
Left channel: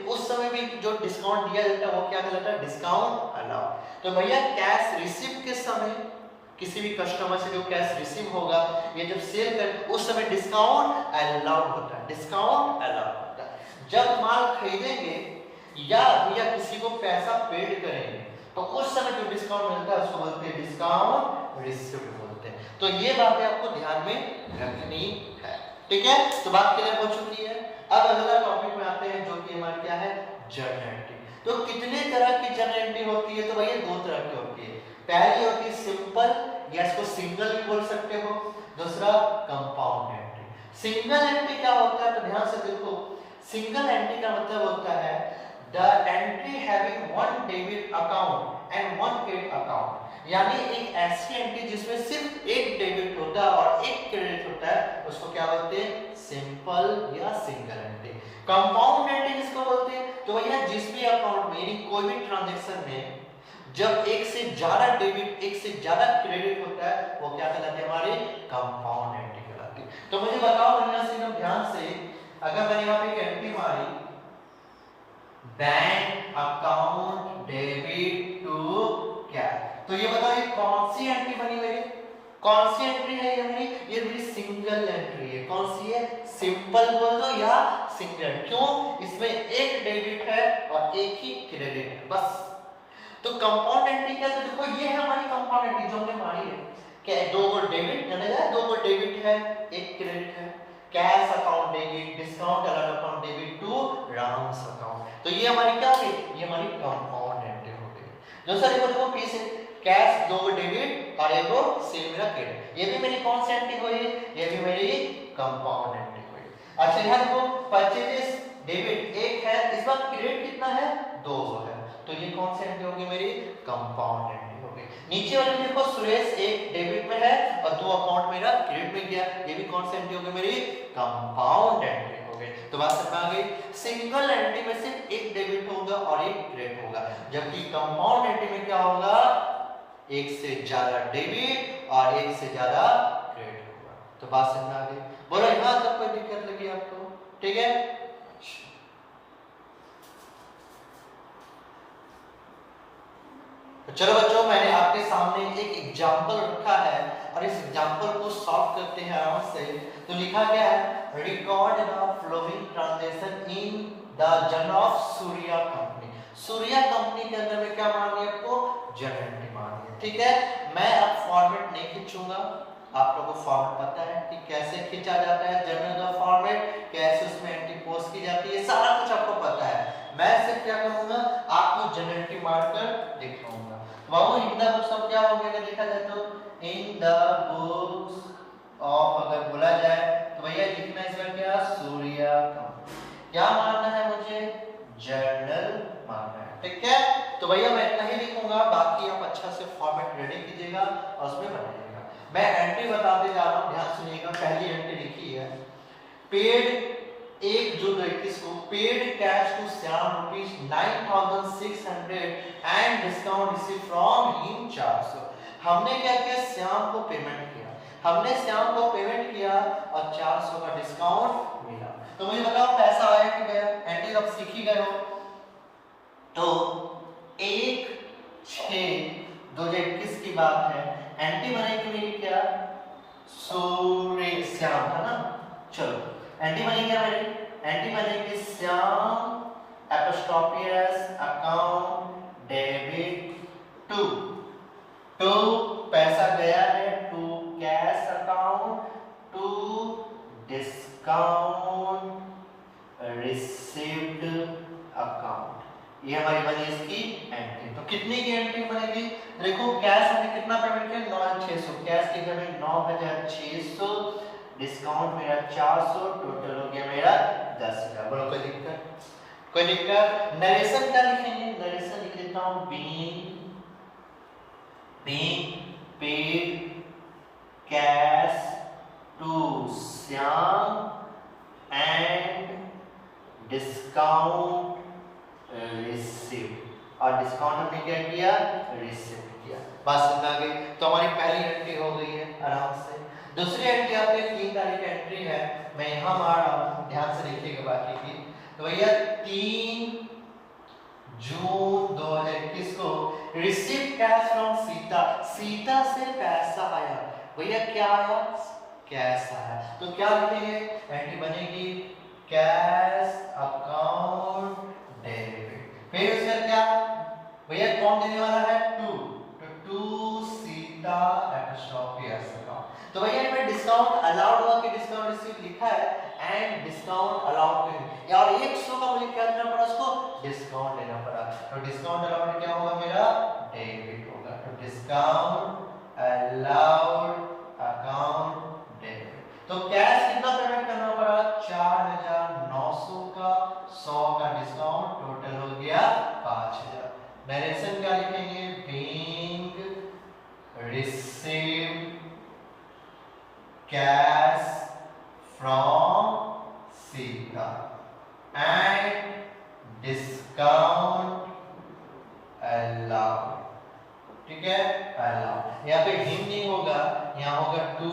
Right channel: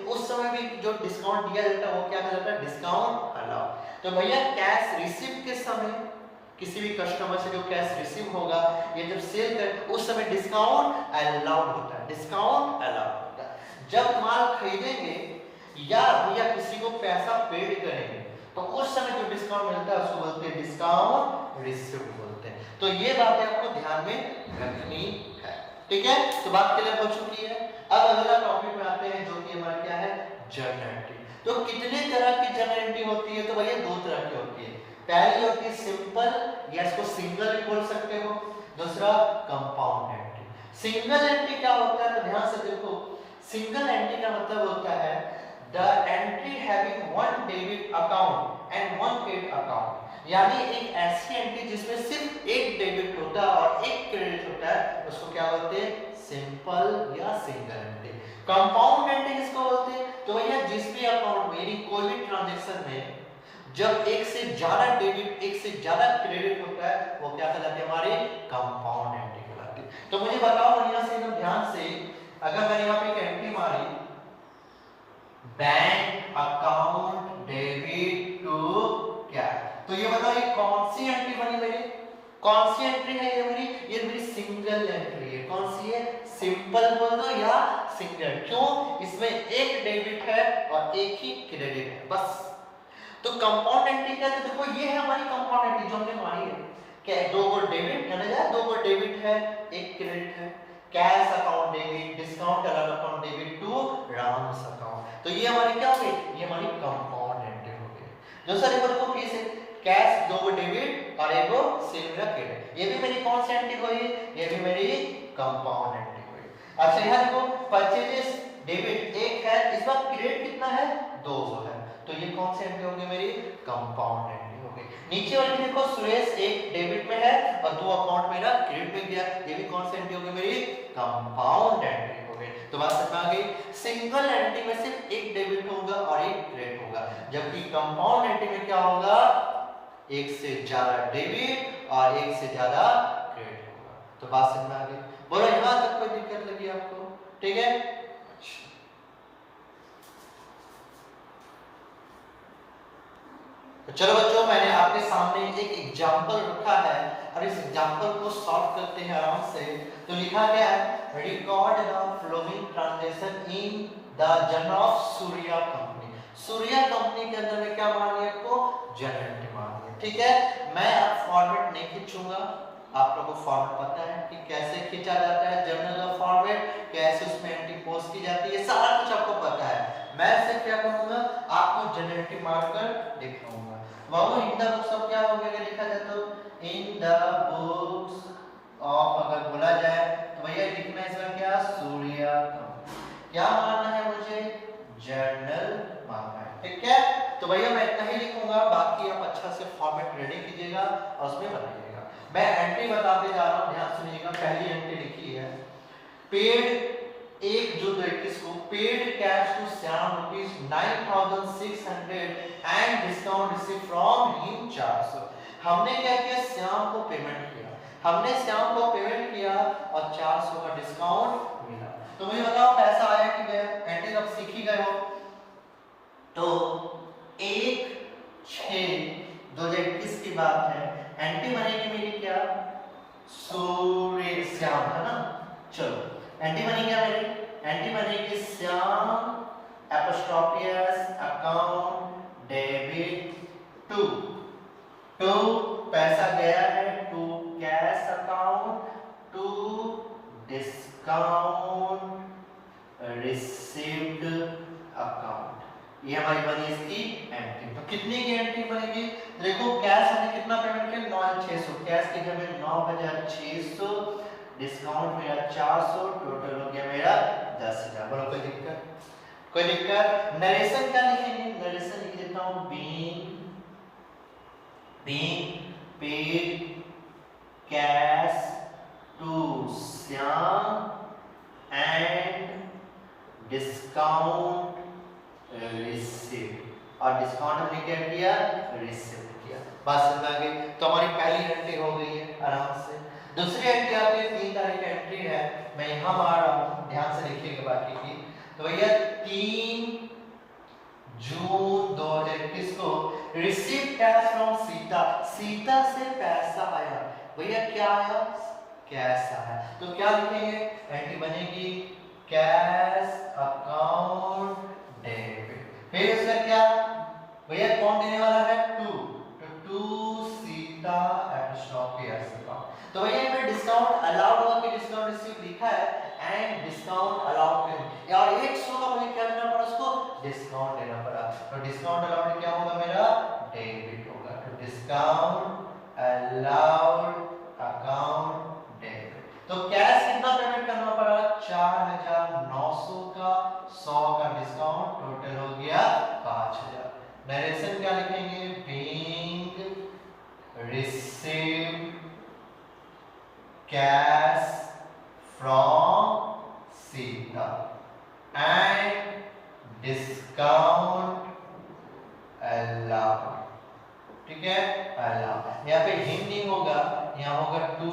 उस समय भी जो डिस्काउंट दिया जाता है वो क्या कहलाता है? Discount allowed. तो भैया कैश रिसीव के समय किसी भी कस्टमर से जो कैश रिसीव होगा, ये जब सेल कर उस समय डिस्काउंट अलाउड होता है, डिस्काउंट अलाउड होता है। जब माल खरीदेंगे या किसी को पैसा पेड करेंगे तो उस समय जो डिस्काउंट मिलता है उसको बोलते हैं डिस्काउंट रिसीव्ड बोलते हैं। तो ये बातें आपको ध्यान में रखनी है, ठीक है। तो बात क्लियर हो चुकी है। अब अगला टॉपिक में आते हैं जो कि हमारा क्या है? जेनरेटिव। तो कितने तरह की जेनरेटिव होती है? तो भैया दो तरह की होती है। पहली होती है सिंपल या इसको सिंगल भी बोल सकते हो, दूसरा कंपाउंड एंट्री। सिंगल एंट्री क्या होता है? तो ध्यान से देखो, सिंगल एंट्री का मतलब होता है the entry having one debit account and one credit account, यानी एक ऐसी एंट्री जिसमें सिर्फ एक डेबिट होता है और एक क्रेडिट होता है उसको क्या बोलते हैं, सिंपल या सिंगल एंट्री। कंपाउंड एंट्री किसको बोलते हैं, तो भैया जिस भी अकाउंट में यानी कोई भी ट्रांजैक्शन में जब एक से ज्यादा डेबिट एक से ज्यादा क्रेडिट होता है वो क्या कहलाते हैं, हमारे कंपाउंड एंट्री कहलाती है। तो मुझे बताओ बढ़िया से एकदम ध्यान से, अगर मैंने यहाँ पे एक एंट्री मारी bank account debit to cash, तो ये बताओ ये कौन सी एंट्री बनी मेरी, कौन सी एंट्री है ये मेरी, ये मेरी सिंगल एंट्री है। कौन सी है, सिंपल बोल दो या सिंगल, क्यों, इसमें एक डेबिट है और एक ही क्रेडिट है बस। तो कंपाउंड एंट्री क्या है, तो देखो ये है हमारी कंपाउंड एंट्री जो हमने मारी है, क्या दो को डेबिट है ना, दो को डेबिट है एक क्रेडिट है, cash account debit, discount account debit two rounds account, तो ये हमारी क्या हो गई, ये हमारी कंपाउंड एंट्री हो गई। जो सर देखो फिर से कैश दो डेबिट और एक सेल मेरा क्रेडिट, ये भी मेरी कौन सी एंट्री हुई, ये भी मेरी कंपाउंड एंट्री हुई। अच्छा यहाँ देखो परचेजेस डेबिट एक है, इस बार क्रेडिट कितना है, 200 है, तो ये कौन सी एंट्री होगी मेरी, कंपाउंड एंट्री हो गई। नीचे वाली में देखो सुरेश एक डेबिट में है और 2 अकाउंट मेरा क्रेडिट में गया, ये भी कौन सी एंट्री होगी मेरी, कंपाउंड एंट्री हो गई। तो बात समझ आ गई, सिंगल एंट्री में सिर्फ एक डेबिट होगा और एक क्रेडिट होगा, जबकि कंपाउंड एंट्री में क्या होगा, एक से ज्यादा डेबिट और एक से ज्यादा क्रेडिट होगा। तो बात समझ आ गई, बोलो यहां तक कोई दिक्कत लगी आपको, ठीक है। तो चलो बच्चों मैंने आपके सामने एक एग्जांपल रखा है और इस एग्जांपल को सॉल्व करते हैं आराम से। तो लिखा गया है record the flowing transaction in the journal of Surya company. Surya company के अंदर में क्या मान लिया आपको, जर्नल एंट्री मान लिया, ठीक है। मैं अब फॉर्मेट नहीं खींचूंगा, आप लोगों को फॉर्मेट पता है कि कैसे खींचा जाता है जर्नल का फॉर्मेट, कैसे उसमें एंट्री पोस्ट की जाती है, सारा कुछ आपको पता है। मैं सिर्फ क्या करूंगा, आपको जर्नल एंट्री मारकर दिखाऊंगा। बाबू इन द बुक्स ऑफ क्या हो गया, लिखा जाए तो इन द बुक्स ऑफ अगर बोला जाए तो भैया लिखना इसमें क्या, सूर्या कंपनी, क्या मानना है मुझे, जर्नल मानना है, ठीक है। तो भैया मैं इतना ही लिखूंगा, बाकी आप अच्छा से फॉर्मेट रेडी कीजिएगा और उसमें बनाइएगा। मैं एंट्री बताते जा रहा हूं, ध्यान सुनिएगा। पहली एंट्री लिखी है पेड 1/2/21 को paid cash to Shyam ₹9,600 and discount receive from him 400। हमने क्या किया, श्याम को पेमेंट किया, हमने श्याम को पेमेंट किया और 400 का डिस्काउंट मिला। तो मुझे बताओ पैसा आया कि गया, एंट्री अब सीख ही गए हो। तो 1/6/2021 की बात है, एंट्री बनेगी मेरी क्या, सूर्य श्याम है ना, चलो एंट्री बनेगी क्या मेरी, एंट्री बनेगी Shyam apostrophe s account debit to पैसा गया है, to cash account, to discount received account, ये हमारी बनी इसकी एंट्री। तो कितनी की एंट्री बनेगी, देखो कैश हमने कितना पेमेंट किया, 9,600, कैश की पेमेंट 9,600, डिस्काउंट मेरा 400, टोटल हो गया मेरा 10,000। बोलो कोई दिक्कत, कोई दिक्कत। नरेशन क्या लिखेंगे, नरेशन लिख लेता हूं being paid cash to Shyam and discount receive, और डिस्काउंट हमने क्या किया, रिसीव किया। बात समझ आ गई। तो हमारी पहली एंट्री हो गई है आराम से। दूसरी एंट्री आपकी 3 तारीख की एंट्री है, मैं यहां मार रहा हूं, ध्यान से देखिएगा बाकी की। तो भैया 3 जून 2021 को receive cash from Sita, Sita से पैसा आया, भैया क्या आया, कैश आया। तो क्या लिखेंगे, एंट्री बनेगी कैश अकाउंट डेबिट, फिर उसका क्या भैया कौन देने वाला है, टू सीता एपोस्ट्रोफियस अकाउंट। तो भैया इसमें डिस्काउंट अलाउड हुआ कि डिस्काउंट रिसीव लिखा है एंड डिस्काउंट अलाउड पे, और 100 का मुझे क्या करना पड़ा, उसको डिस्काउंट लेना पड़ा। तो डिस्काउंट अलाउड क्या होगा मेरा, डेबिट होगा। तो डिस्काउंट अलाउड अकाउंट डेबिट। तो कैश कितना पेमेंट करना पड़ा, 4,900 का, 100 का डिस्काउंट, टोटल हो गया 5,000। नरेशन क्या लिखेंगे, being received cash from Sita and discount allowed, ठीक है, allowed। यहाँ पे him नहीं होगा, यहाँ होगा to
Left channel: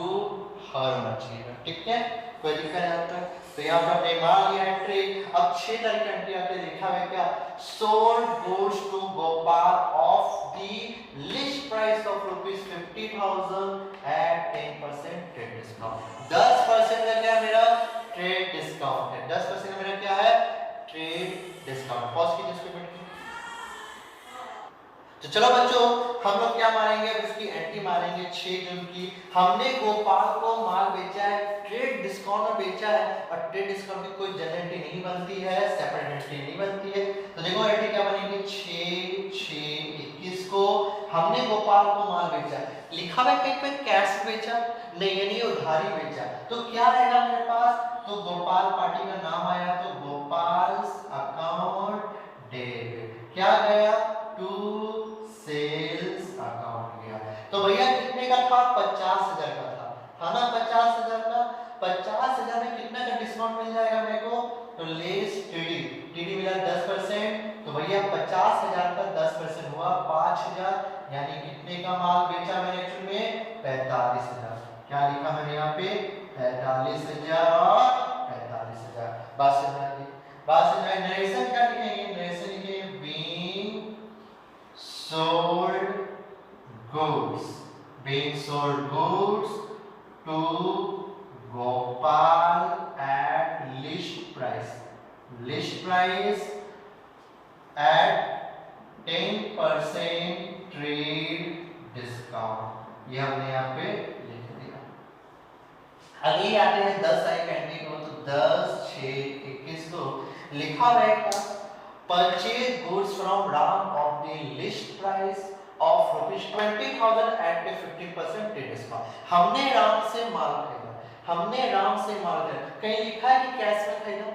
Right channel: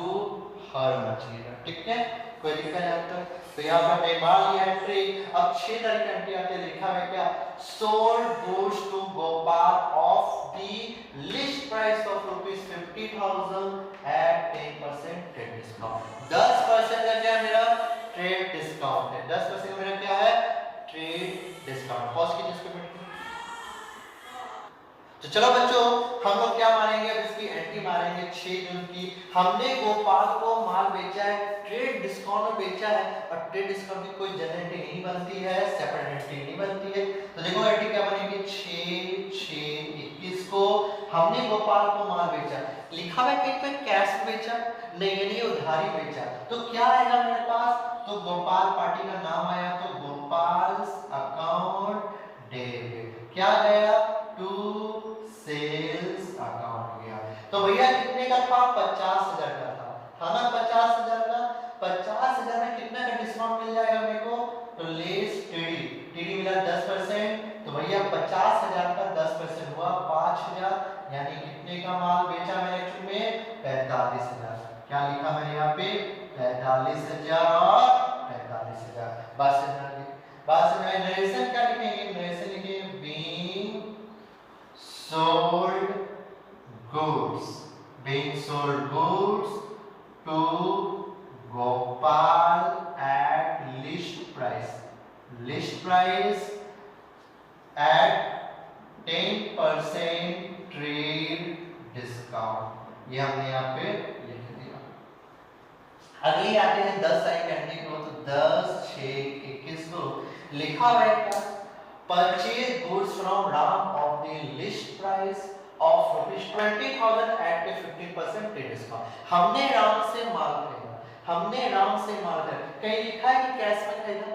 her material, ठीक है, कोई लिखा है आपका। तो यहाँ पे हमने मान लिया एंट्री। अब 6 तारीख का एंट्री आपने लिखा है क्या, sold goods to Gopal of the list price of ₹50,000 at 10% trade discount। 10% का क्या मेरा ट्रेड डिस्काउंट है, 10% का मेरा क्या है, ट्रेड डिस्काउंट। पॉज कीजिए इसको मिनट। तो चलो बच्चों हम लोग क्या मारेंगे, अब इसकी एंट्री मारेंगे 6 जून की। हमने गोपाल को माल बेचा है, ट्रेड डिस्काउंट में बेचा है, और ट्रेड डिस्काउंट की कोई जनरल एंट्री नहीं बनती है, सेपरेट एंट्री नहीं बनती है। तो देखो एंट्री क्या बनेगी, 6/6/21 को हमने गोपाल को माल बेचा, लिखा हुआ है कहीं पे कैश बेचा नहीं, यानी उधारी बेचा। तो क्या आएगा मेरे पास, तो गोपाल पार्टी का नाम आया, तो गोपाल्स अकाउंट डेबिट क्या गया, टू सेल्स अकाउंट गया। तो भैया कितने का था, 50,000 का था ना, 50,000 का। 50,000 में कितना का डिस्काउंट मिल जाएगा मेरे को, तो लेस टीडी मिला 10%। तो भैया 50,000 का 10% हुआ 5,000, यानी कितने का माल बेचा मैंने एक्चुअली में, 45,000। क्या लिखा मैंने यहाँ पे, 45,000 और 45,000। बात समझ नरेशन क्या लिखेंगे, नरेशन लिखेंगे being sold goods to Gopal at list price at 10% trade discount। ये हमने यहाँ पे लिख दिया। अगली आते हैं 10 तारीख एंट्री को, तो 10/6/21 को लिखा हुआ है purchase goods from Ram of the list price of ₹20,000 at 50% trade discount. हमने राम से माल खरीदा, कहीं लिखा है कि कैश में खरीदा,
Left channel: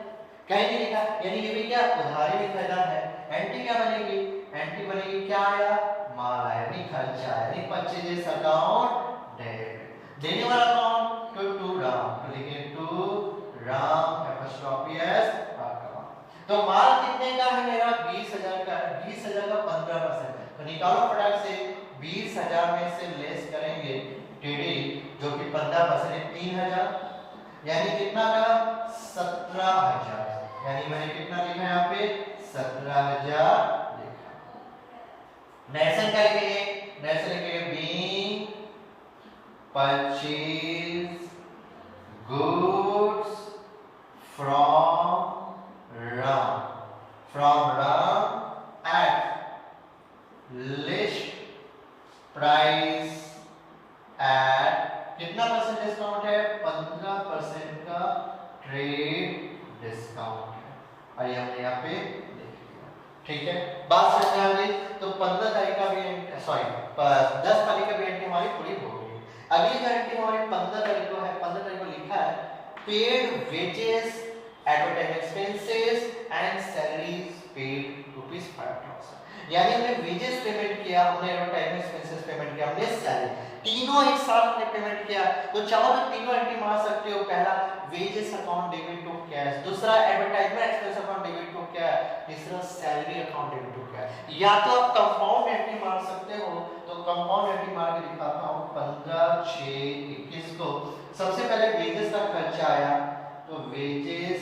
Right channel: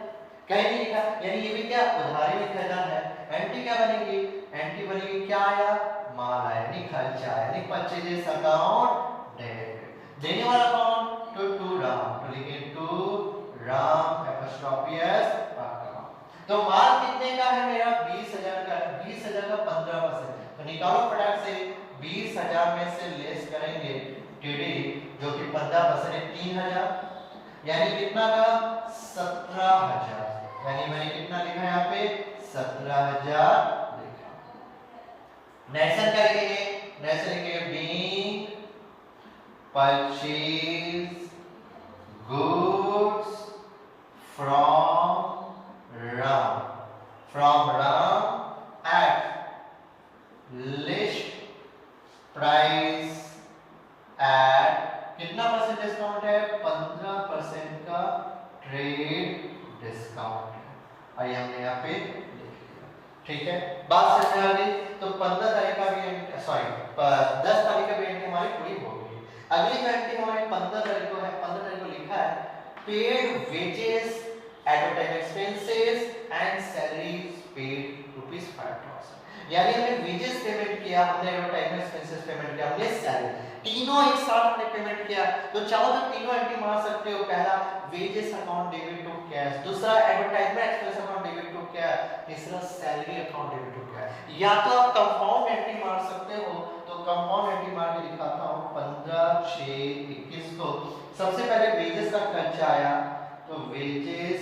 कहीं नहीं लिखा, यानी ये भी क्या उधारी में खरीदा है। एंट्री क्या बनेगी, एंट्री बनेगी क्या आया, माल आया, यानी खर्चा आया, यानी परचेजेस अकाउंट डेबिट। देने वाला कौन, टू राम, तो लिखिए टू राम एपोस्ट्रोफी एस। तो माल कितने का है मेरा, 20,000 का है, 20,000 का 15%। तो निकालो फटाक से, 20,000 में से लेस करेंगे टीडी जो कि 15% है, 3,000, यानी कितना का 17,000, यानी मैंने कितना लिखा है यहाँ पे, 17,000 लिखा। नेशन का लिखेंगे, नेशन लिखेंगे being purchase goods from Ram at list price at कितना परसेंट डिस्काउंट है, 15% का ट्रेड डिस्काउंट है। आइए हमने यहाँ पे लिख लिया, ठीक है, बात समझ आ गई। तो 15 तारीख का भी 10 तारीख का भी एंट्री हमारी पूरी हो गई। अगली जो एंट्री हमारी 15 तारीख को है, 15 तारीख को लिखा है paid wages advertise expenses and salaries paid ₹5,000, यानी हमने वेजेस पेमेंट किया, हमने एडवर्टाइजमेंट एक्सपेंसेस पेमेंट किया, हमने सैलरी, तीनों एक साथ हमने पेमेंट किया। तो चाहो तो तीनों एंट्री मार सकते हो, पहला wages account debit to cash, दूसरा advertisement expense account debit to cash, तीसरा salary account debit to cash. या तो आप कंपाउंड एंट्री मार सकते हो, तो कंपाउंड एंट्री मार के दिखाता हूं 15/6/21 को। सबसे पहले वेजेस का खर्चा आया, तो वेजेस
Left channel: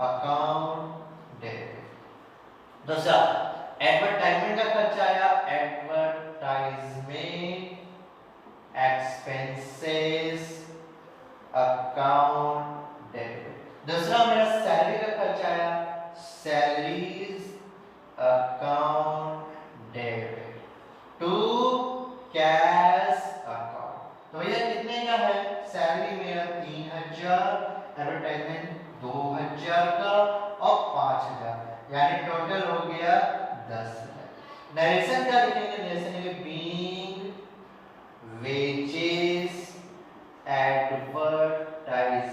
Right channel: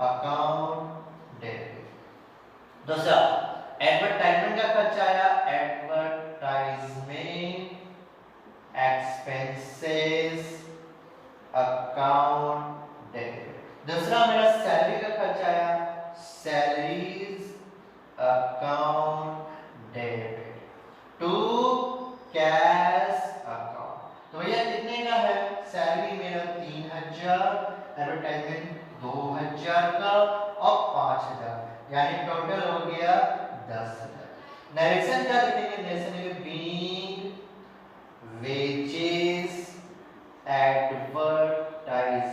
अकाउंट डेबिट। दूसरा एडवर्टाइजमेंट का खर्चा आया, एडवर्टाइजमेंट एक्सपेंसेस अकाउंट डेबिट। दूसरा मेरा सैलरी का खर्चा आया, salaries account debit to cash account. तो भैया कितने का है, सैलरी मेरा 3,000, एडवर्टाइजमेंट 2,000 का और 5,000, यानी टोटल हो गया 10,000। नरेशन क्या लिखेंगे, नरेशन लिखेंगे being wages advertisement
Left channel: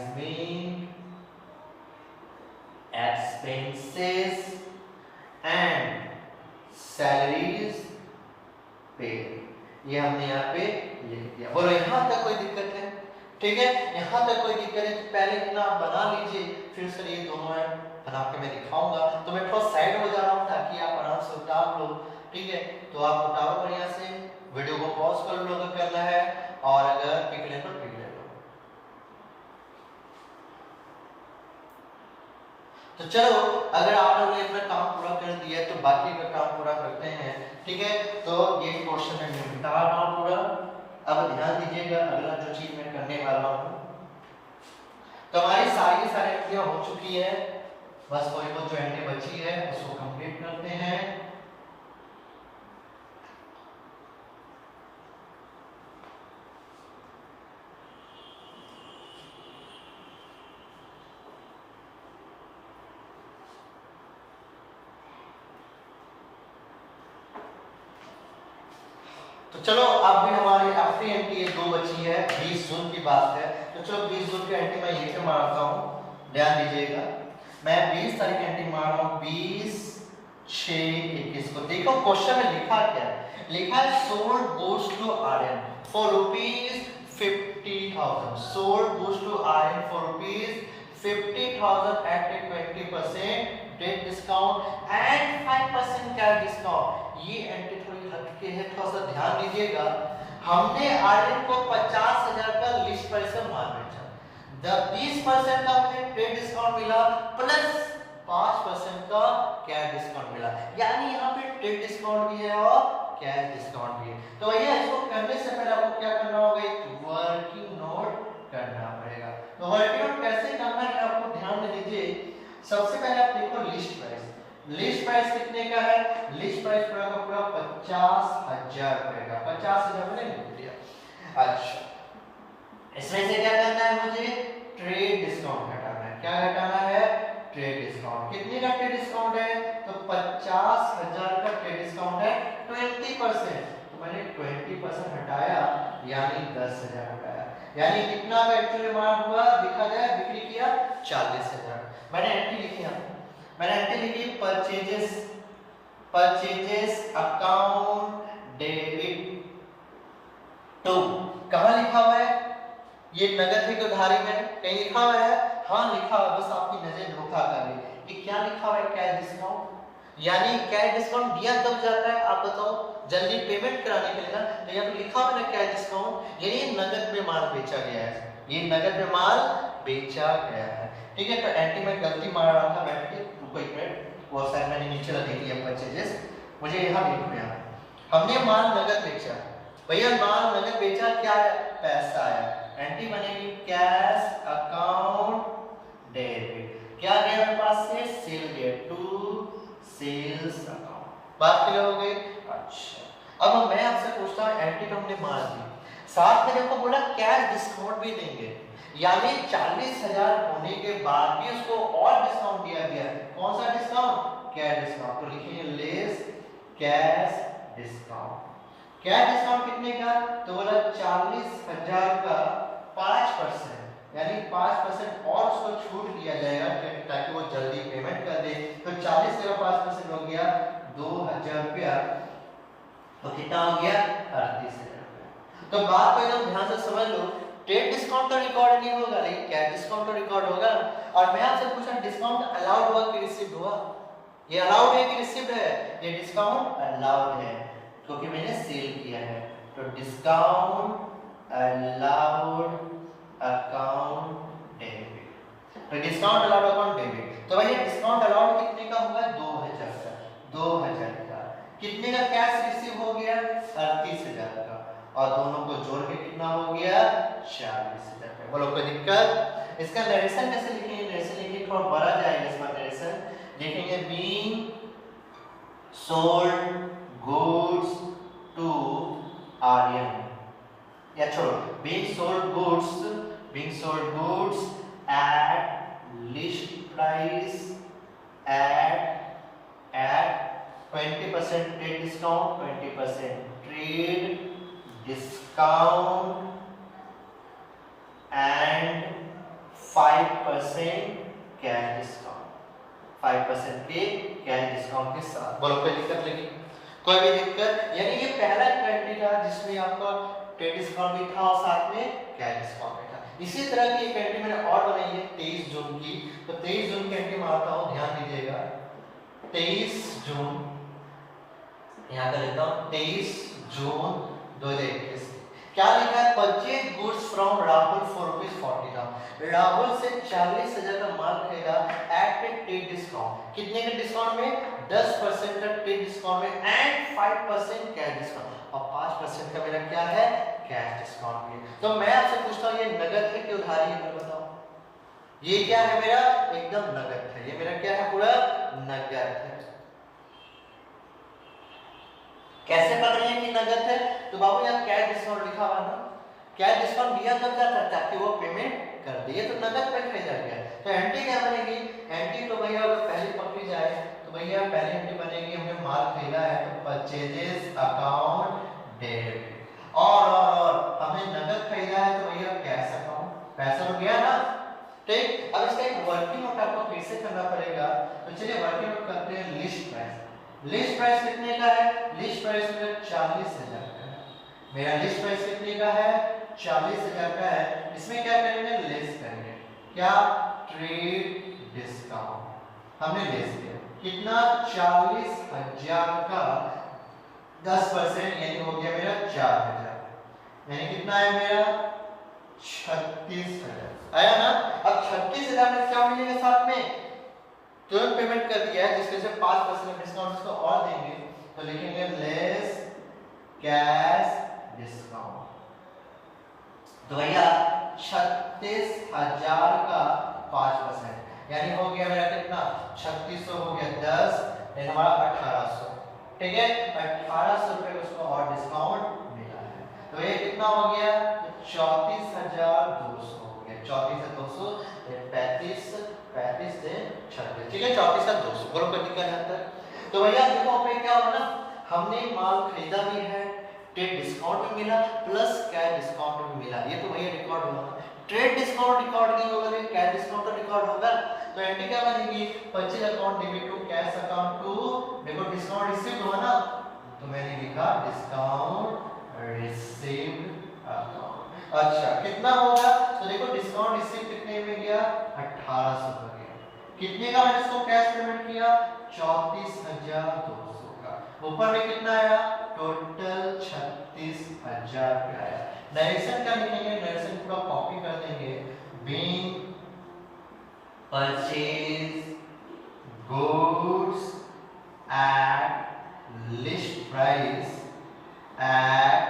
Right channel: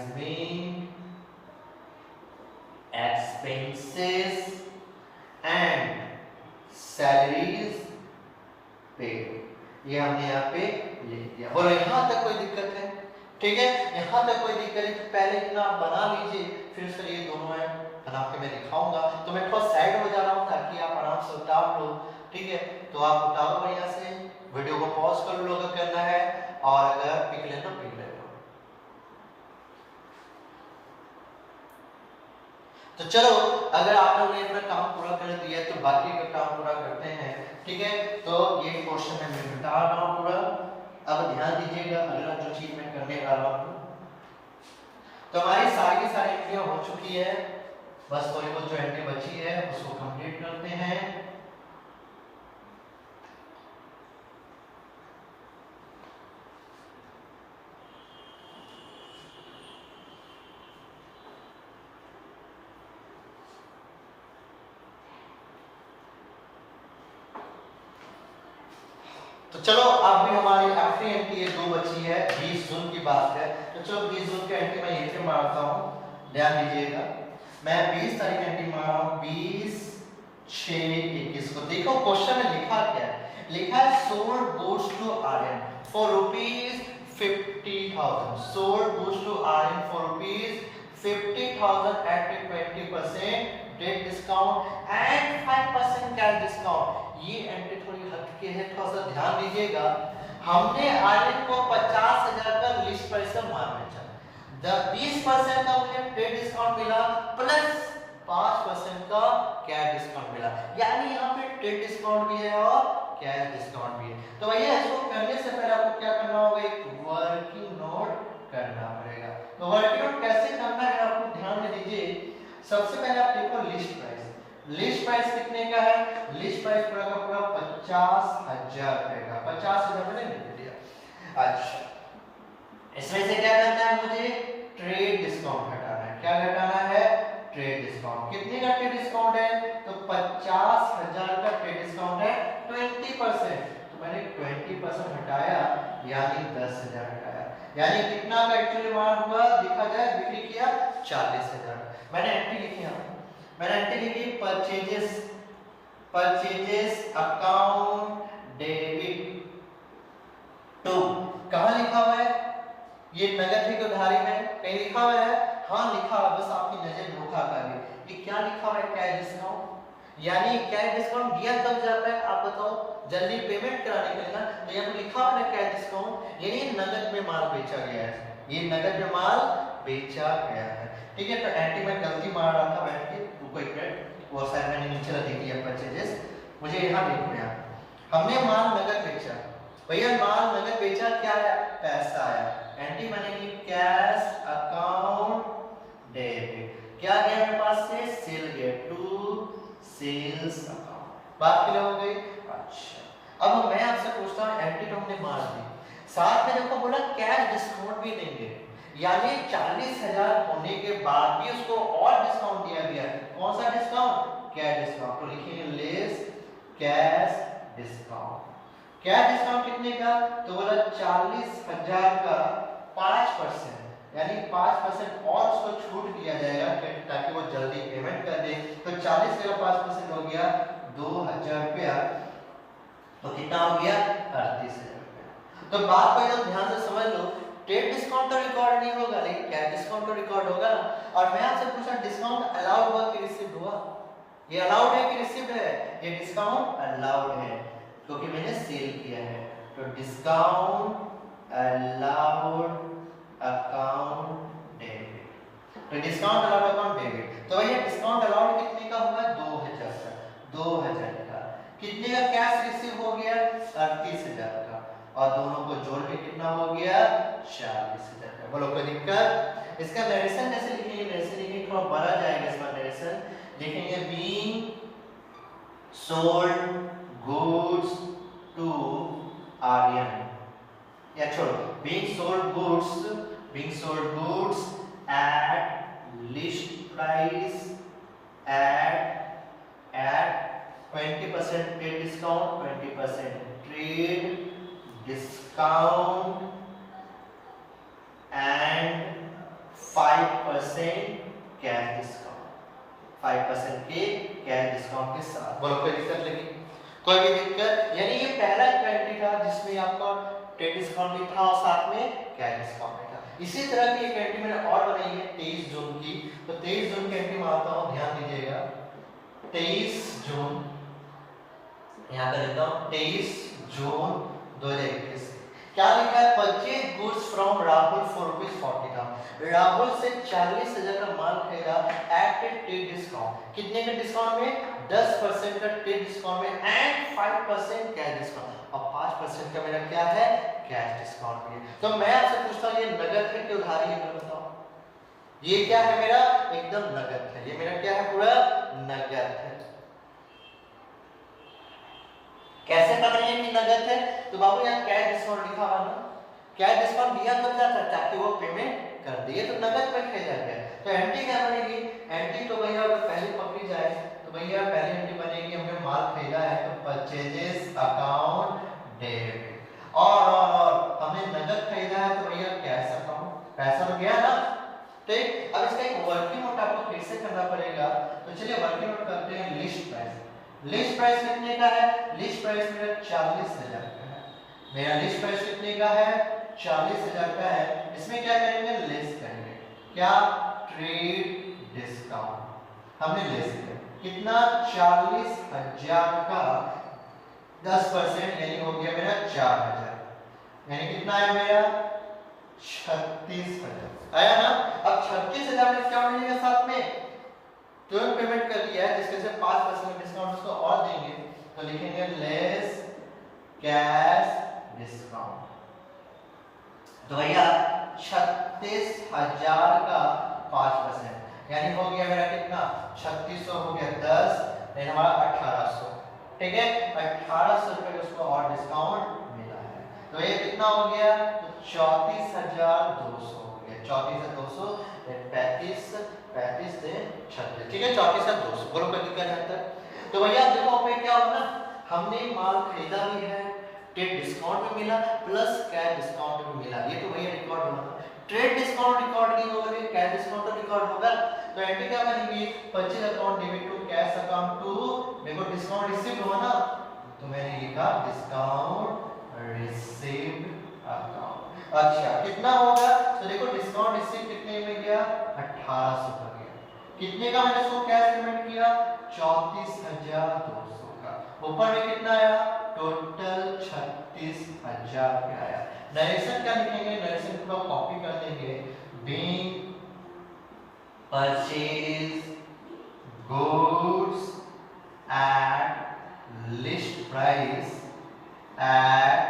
expenses and salaries paid. ये हमने यहाँ पे लिख दिया। बोलो यहाँ तक कोई दिक्कत है, ठीक है, यहाँ तक कोई दिक्कत है तो पहले इतना आप बना लीजिए, फिर सर ये दोनों है बना के मैं दिखाऊंगा। तो मैं थोड़ा साइड हो जा रहा हूँ ताकि आप आराम से उतार लो। ठीक है, तो आप उतारो बढ़िया से, वीडियो को पॉज कर लो अगर करना है, और अगर पिक ले तो पिक ले लो। तो चलो, अगर आप लोगों ने अपना काम पूरा कर दिया तो बाकी का काम पूरा करते हैं। ठीक है, तो ये पोर्शन है मैं बता रहा हूँ पूरा। अब ध्यान दीजिएगा अगला जो चीज मैं करने वाला हूँ। तो हमारी सारी की सारी एंट्रियां हो चुकी है, बस थोड़ी बहुत जो एंट्री बची है उसको कंप्लीट करते हैं। तो चलो, अब भी हमारी आखिरी एंट्री है, 2 बची है, 20 जून की बात है। तो चलो 20 जून की एंट्री मैं यहीं पे मारता हूँ, ध्यान दीजिएगा। मैं 20 तारीख एंट्री मार रहा हूँ, 20/6/21 को। देखो क्वेश्चन में लिखा क्या है, लिखा है sold goods to Aryan for ₹50,000, sold goods to Aryan for ₹50,000 at 20% date discount and 5% cash discount. ये एंट्री थोड़ी हटके है, थोड़ा सा ध्यान दीजिएगा। हमने आर्यन को 50,000 का लिस्ट प्राइस से माल बेचा, 20% का मुझे ट्रेड डिस्काउंट मिला प्लस 5% का कैश डिस्काउंट मिला, यानी यहाँ पे ट्रेड डिस्काउंट भी है और कैश डिस्काउंट भी है। तो भैया इसको करने से पहले आपको क्या करना होगा, एक वर्किंग नोट करना पड़ेगा। तो वर्किंग नोट कैसे करना है आपको ध्यान में दीजिए। सबसे पहले आप देखो लिस्ट प्राइस, लिस्ट प्राइस कितने का है, लिस्ट प्राइस पूरा का पूरा 50,000 रुपए का, 50,000 मैंने लिख दिया। अच्छा, इसमें से क्या करना है मुझे, ट्रेड डिस्काउंट घटाना है। क्या घटाना है, ट्रेड डिस्काउंट। कितने का ट्रेड डिस्काउंट है, तो 50,000 का ट्रेड डिस्काउंट है 20%, तो मैंने 20% हटाया यानी 10,000 हटाया, यानी कितना का एक्चुअली माल हुआ, देखा जाए बिक्री किया 40,000। मैंने एंट्री लिखी है, मैंने एंट्री लिखी परचेजेस अकाउंट डेबिट टू। कहां लिखा हुआ है, ये नगद की उधारी है, कहीं लिखा हुआ है, हाँ लिखा हुआ, बस आपकी नजर धोखा कर ली। ये क्या लिखा हुआ है, कैश डिस्काउंट, यानी कैश डिस्काउंट दिया कब जाता है आप बताओ, जल्दी पेमेंट कराने के लिए ना। तो यहाँ पे लिखा हुआ है कैश डिस्काउंट, यानी नगद में माल बेचा गया है, ये नगद में माल बेचा गया है। ठीक है, तो एंट्री में गलती मार रहा था बैठ के, रुको एक मिनट, वो साइड मैंने नीचे देख लिया परचेजेस, मुझे यहाँ देखना है। हमने माल नगद बेचा, भैया माल नगद बेचा, क्या है, पैसा आया, एंट्री बनेगी कैश अकाउंट डेबिट, क्या गया मेरे पास से, सेल गया टू सेल्स अकाउंट। बात क्लियर हो गई। अच्छा, अब मैं आपसे पूछता हूँ, एंट्री तो हमने मार दी, साथ में देखो बोला कैश डिस्काउंट भी देंगे, यानी 40,000 होने के बाद भी उसको और डिस्काउंट दिया गया। कौन सा डिस्काउंट, कैश डिस्काउंट, तो लिखेंगे less cash discount. Cash discount कितने का, तो बोला 40,000 का 5%, यानी 5% और उसको छूट दिया जाएगा ताकि वो जल्दी पेमेंट कर दे। तो 40 का 5% हो गया 2,000 रुपया, तो कितना हो गया 38,000 रुपया। तो बात को एकदम ध्यान से समझ लो, ट्रेड डिस्काउंट तो रिकॉर्ड नहीं होगा लेकिन कैश डिस्काउंट तो रिकॉर्ड होगा। और मैं आपसे पूछा डिस्काउंट अलाउड हुआ कि रिसीव्ड हुआ, ये अलाउड है कि रिसीव्ड है, ये डिस्काउंट अलाउड है क्योंकि मैंने सेल किया है। तो डिस्काउंट अलाउड अकाउंट डेबिट, तो डिस्काउंट अलाउड अकाउंट डेबिट। तो भैया डिस्काउंट अलाउड कितने का होगा, 2,000 का, 2,000 का। कितने का कैश रिसीव हो गया, 38,000 का, और दोनों को जोड़ के कितना हो गया, 40,000 का। बोलो कोई दिक्कत। इसका नरेशन कैसे लिखेंगे, नरेशन लिखेंगे थोड़ा बड़ा जाएगा इसका नरेशन, लिखेंगे being sold goods to Aryan, या छोड़ो, being sold goods at list price at 20% trade discount, 20% trade discount and 5% cash discount, 5% के कैश डिस्काउंट के साथ। बोलो कोई दिक्कत लगी, कोई भी दिक्कत, यानी ये पहला क्राइटेरिया था जिसमें आपका ट्रेड डिस्काउंट भी था और साथ में कैश डिस्काउंट भी था। इसी तरह की एक एंट्री मैंने और बनाई है 23 जून की, तो 23 जून की एंट्री में आता हूँ, ध्यान दीजिएगा 23 जून, यहाँ कर देता हूँ 23 जून 2021। क्या लिखा है, purchase goods from Rahul for ₹40,000। Rahul से 40,000 का माल खरीदा एट ए ट्रेड डिस्काउंट। कितने के डिस्काउंट में, 10% का ट्रेड डिस्काउंट में एंड 5% कैश डिस्काउंट, और 5% का मेरा क्या है, कैश डिस्काउंट में। तो मैं आपसे पूछता हूँ ये नगद है कि उधारी है, बताओ। ये क्या है मेरा, एकदम नगद है, ये मेरा क्या है, पूरा नगद है। कैसे पता है कि नगद है, तो बाबू यहाँ कैश डिस्काउंट लिखा हुआ ना, कैश डिस्काउंट दिया तो क्या था, ताकि वो पेमेंट कर दे, तो नगद पे खरीदा गया। तो एंट्री क्या बनेगी, एंट्री तो भैया अगर पहले पकड़ी जाए तो भैया पहली एंट्री बनेगी, हमने माल खरीदा है तो परचेजेस अकाउंट डेबिट, और हमने नगद खरीदा है तो भैया कैश अकाउंट, पैसा तो गया ना, ठीक। अब इसका एक वर्किंग नोट आपको फिर से करना पड़ेगा, तो चलिए वर्किंग नोट करते हैं। लिस्ट प्राइस, लिस्ट प्राइस कितने का है, लिस्ट प्राइस मेरा 40,000 का है, मेरा लिस्ट प्राइस कितने का है, 40,000 का है। इसमें क्या करेंगे, लेस करेंगे, क्या, ट्रेड डिस्काउंट हमने लेस किया, कितना, 40,000 का 10% यानी हो गया मेरा 4,000, यानी कितना आया मेरा 36,000 आया ना। अब 36,000 में क्या मिलेगा साथ में, तुरंत पेमेंट कर दिया है, जिसके से 5% डिस्काउंट इसको और देंगे, तो लिखेंगे लेस कैश डिस्काउंट। तो भैया 36,000 का 5% यानी हो गया मेरा कितना, 3600 हो गया 10, नहीं हमारा 1800, ठीक है, 1800 रुपए उसको और डिस्काउंट मिला है। तो ये कितना हो गया, तो 34,200 हो गया, 34,200 35 से 36, ठीक है, 34,200 बोलो कर निकल जाता है। तो भैया देखो पे क्या होगा ना, हमने माल खरीदा भी है, ट्रेड डिस्काउंट भी मिला, प्लस कैश डिस्काउंट भी मिला, ये तो भैया रिकॉर्ड होगा। ट्रेड डिस्काउंट रिकॉर्ड नहीं होगा, लेकिन कैश डिस्काउंट तो रिकॉर्ड होगा। तो एंट्री क्या बनेगी, purchase account debit to cash account to, देखो डिस्काउंट रिसीव्ड हुआ ना, तो मैंने लिखा डिस्काउंट रिसीव्ड अकाउंट। अच्छा कितना होगा, तो देखो डिस्काउंट रिसीव कितने में गया, 1800 का गया, कितने का मैंने इसको कैश पेमेंट किया, 34,200 का, ऊपर में कितना आया, टोटल 36,000 का आया। नरेशन क्या लिखेंगे, नरेशन पूरा कॉपी कर देंगे, being purchase goods at least price at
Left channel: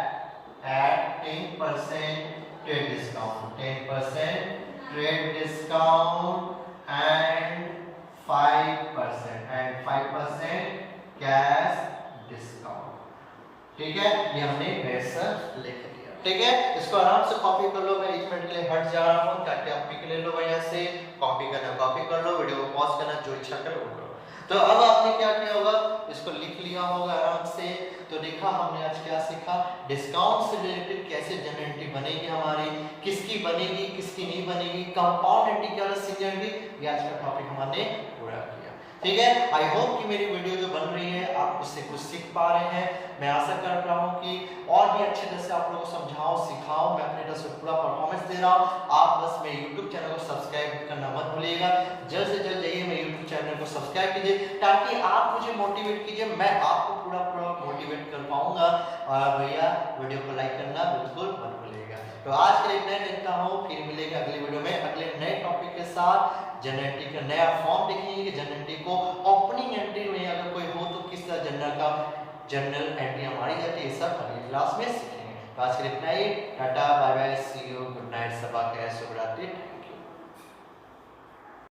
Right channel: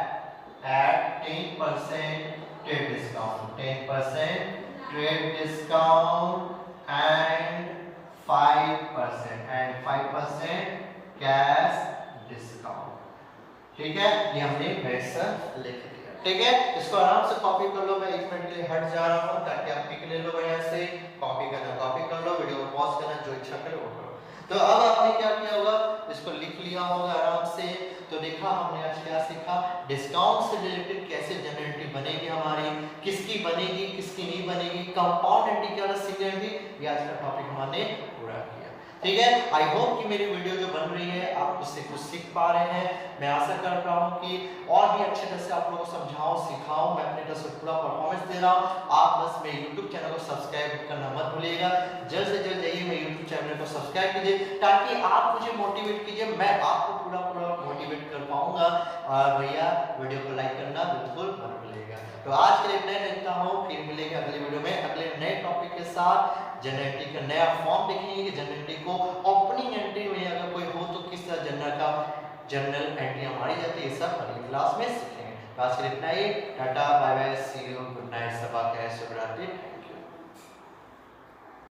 10% trade discount, 10% trade discount and 5% cash discount, ठीक है, ये हमने वैसा लिख दिया, ठीक है। इसको आराम से कॉपी कर लो, मैं 1 मिनट के लिए हट जा रहा हूँ ताकि आप पिक ले लो, यहाँ से कॉपी करना कॉपी कर लो, वीडियो को पॉज करना, जो इच्छा करे वो करो। तो अब आपने क्या किया होगा, इसको लिख लिया होगा आराम से। तो देखा हमने आज क्या सीखा, डिस्काउंट से रिलेटेड कैसे जनरल एंट्री बनेगी हमारी, किसकी बनेगी किसकी नहीं बनेगी, कंपाउंड एंट्री क्या होगा, सिंगल एंट्री, ये आज का टॉपिक हमने पूरा किया, ठीक है। आई होप कि मेरी वीडियो जो बन रही है आप उससे कुछ सीख पा रहे हैं। मैं आशा कर रहा हूँ कि और भी अच्छे तरह से आप लोगों को समझाऊं सिखाऊं, मैं अपने तरफ से पूरा परफॉर्मेंस दे रहा हूँ। आप बस मेरे यूट्यूब चैनल को सब्सक्राइब करना मत भूलिएगा, जल्द से जल्द जाइए मेरे यूट्यूब चैनल को सब्सक्राइब कीजिए, ताकि आप मुझे मोटिवेट कीजिए, मैं आपको पूरा मोटिवेट कर पाऊंगा। और भैया वीडियो को लाइक करना बिल्कुल मत भूलिएगा। तो आज के लिए इतना ही रखता हूँ, फिर मिलेंगे अगली वीडियो में अगले नए टॉपिक के साथ। जनरल एंट्री का नया फॉर्म देखेंगे कि जनरल एंट्री को ओपनिंग एंट्री में अगर कोई हो तो किस तरह जनरल एंट्री मारी जाती है, ये सब अगली क्लास में सीखेंगे। तो आज के लिए इतना ही, tata bye bye, see you, good night, सबा खैर, शुभ रात्रि।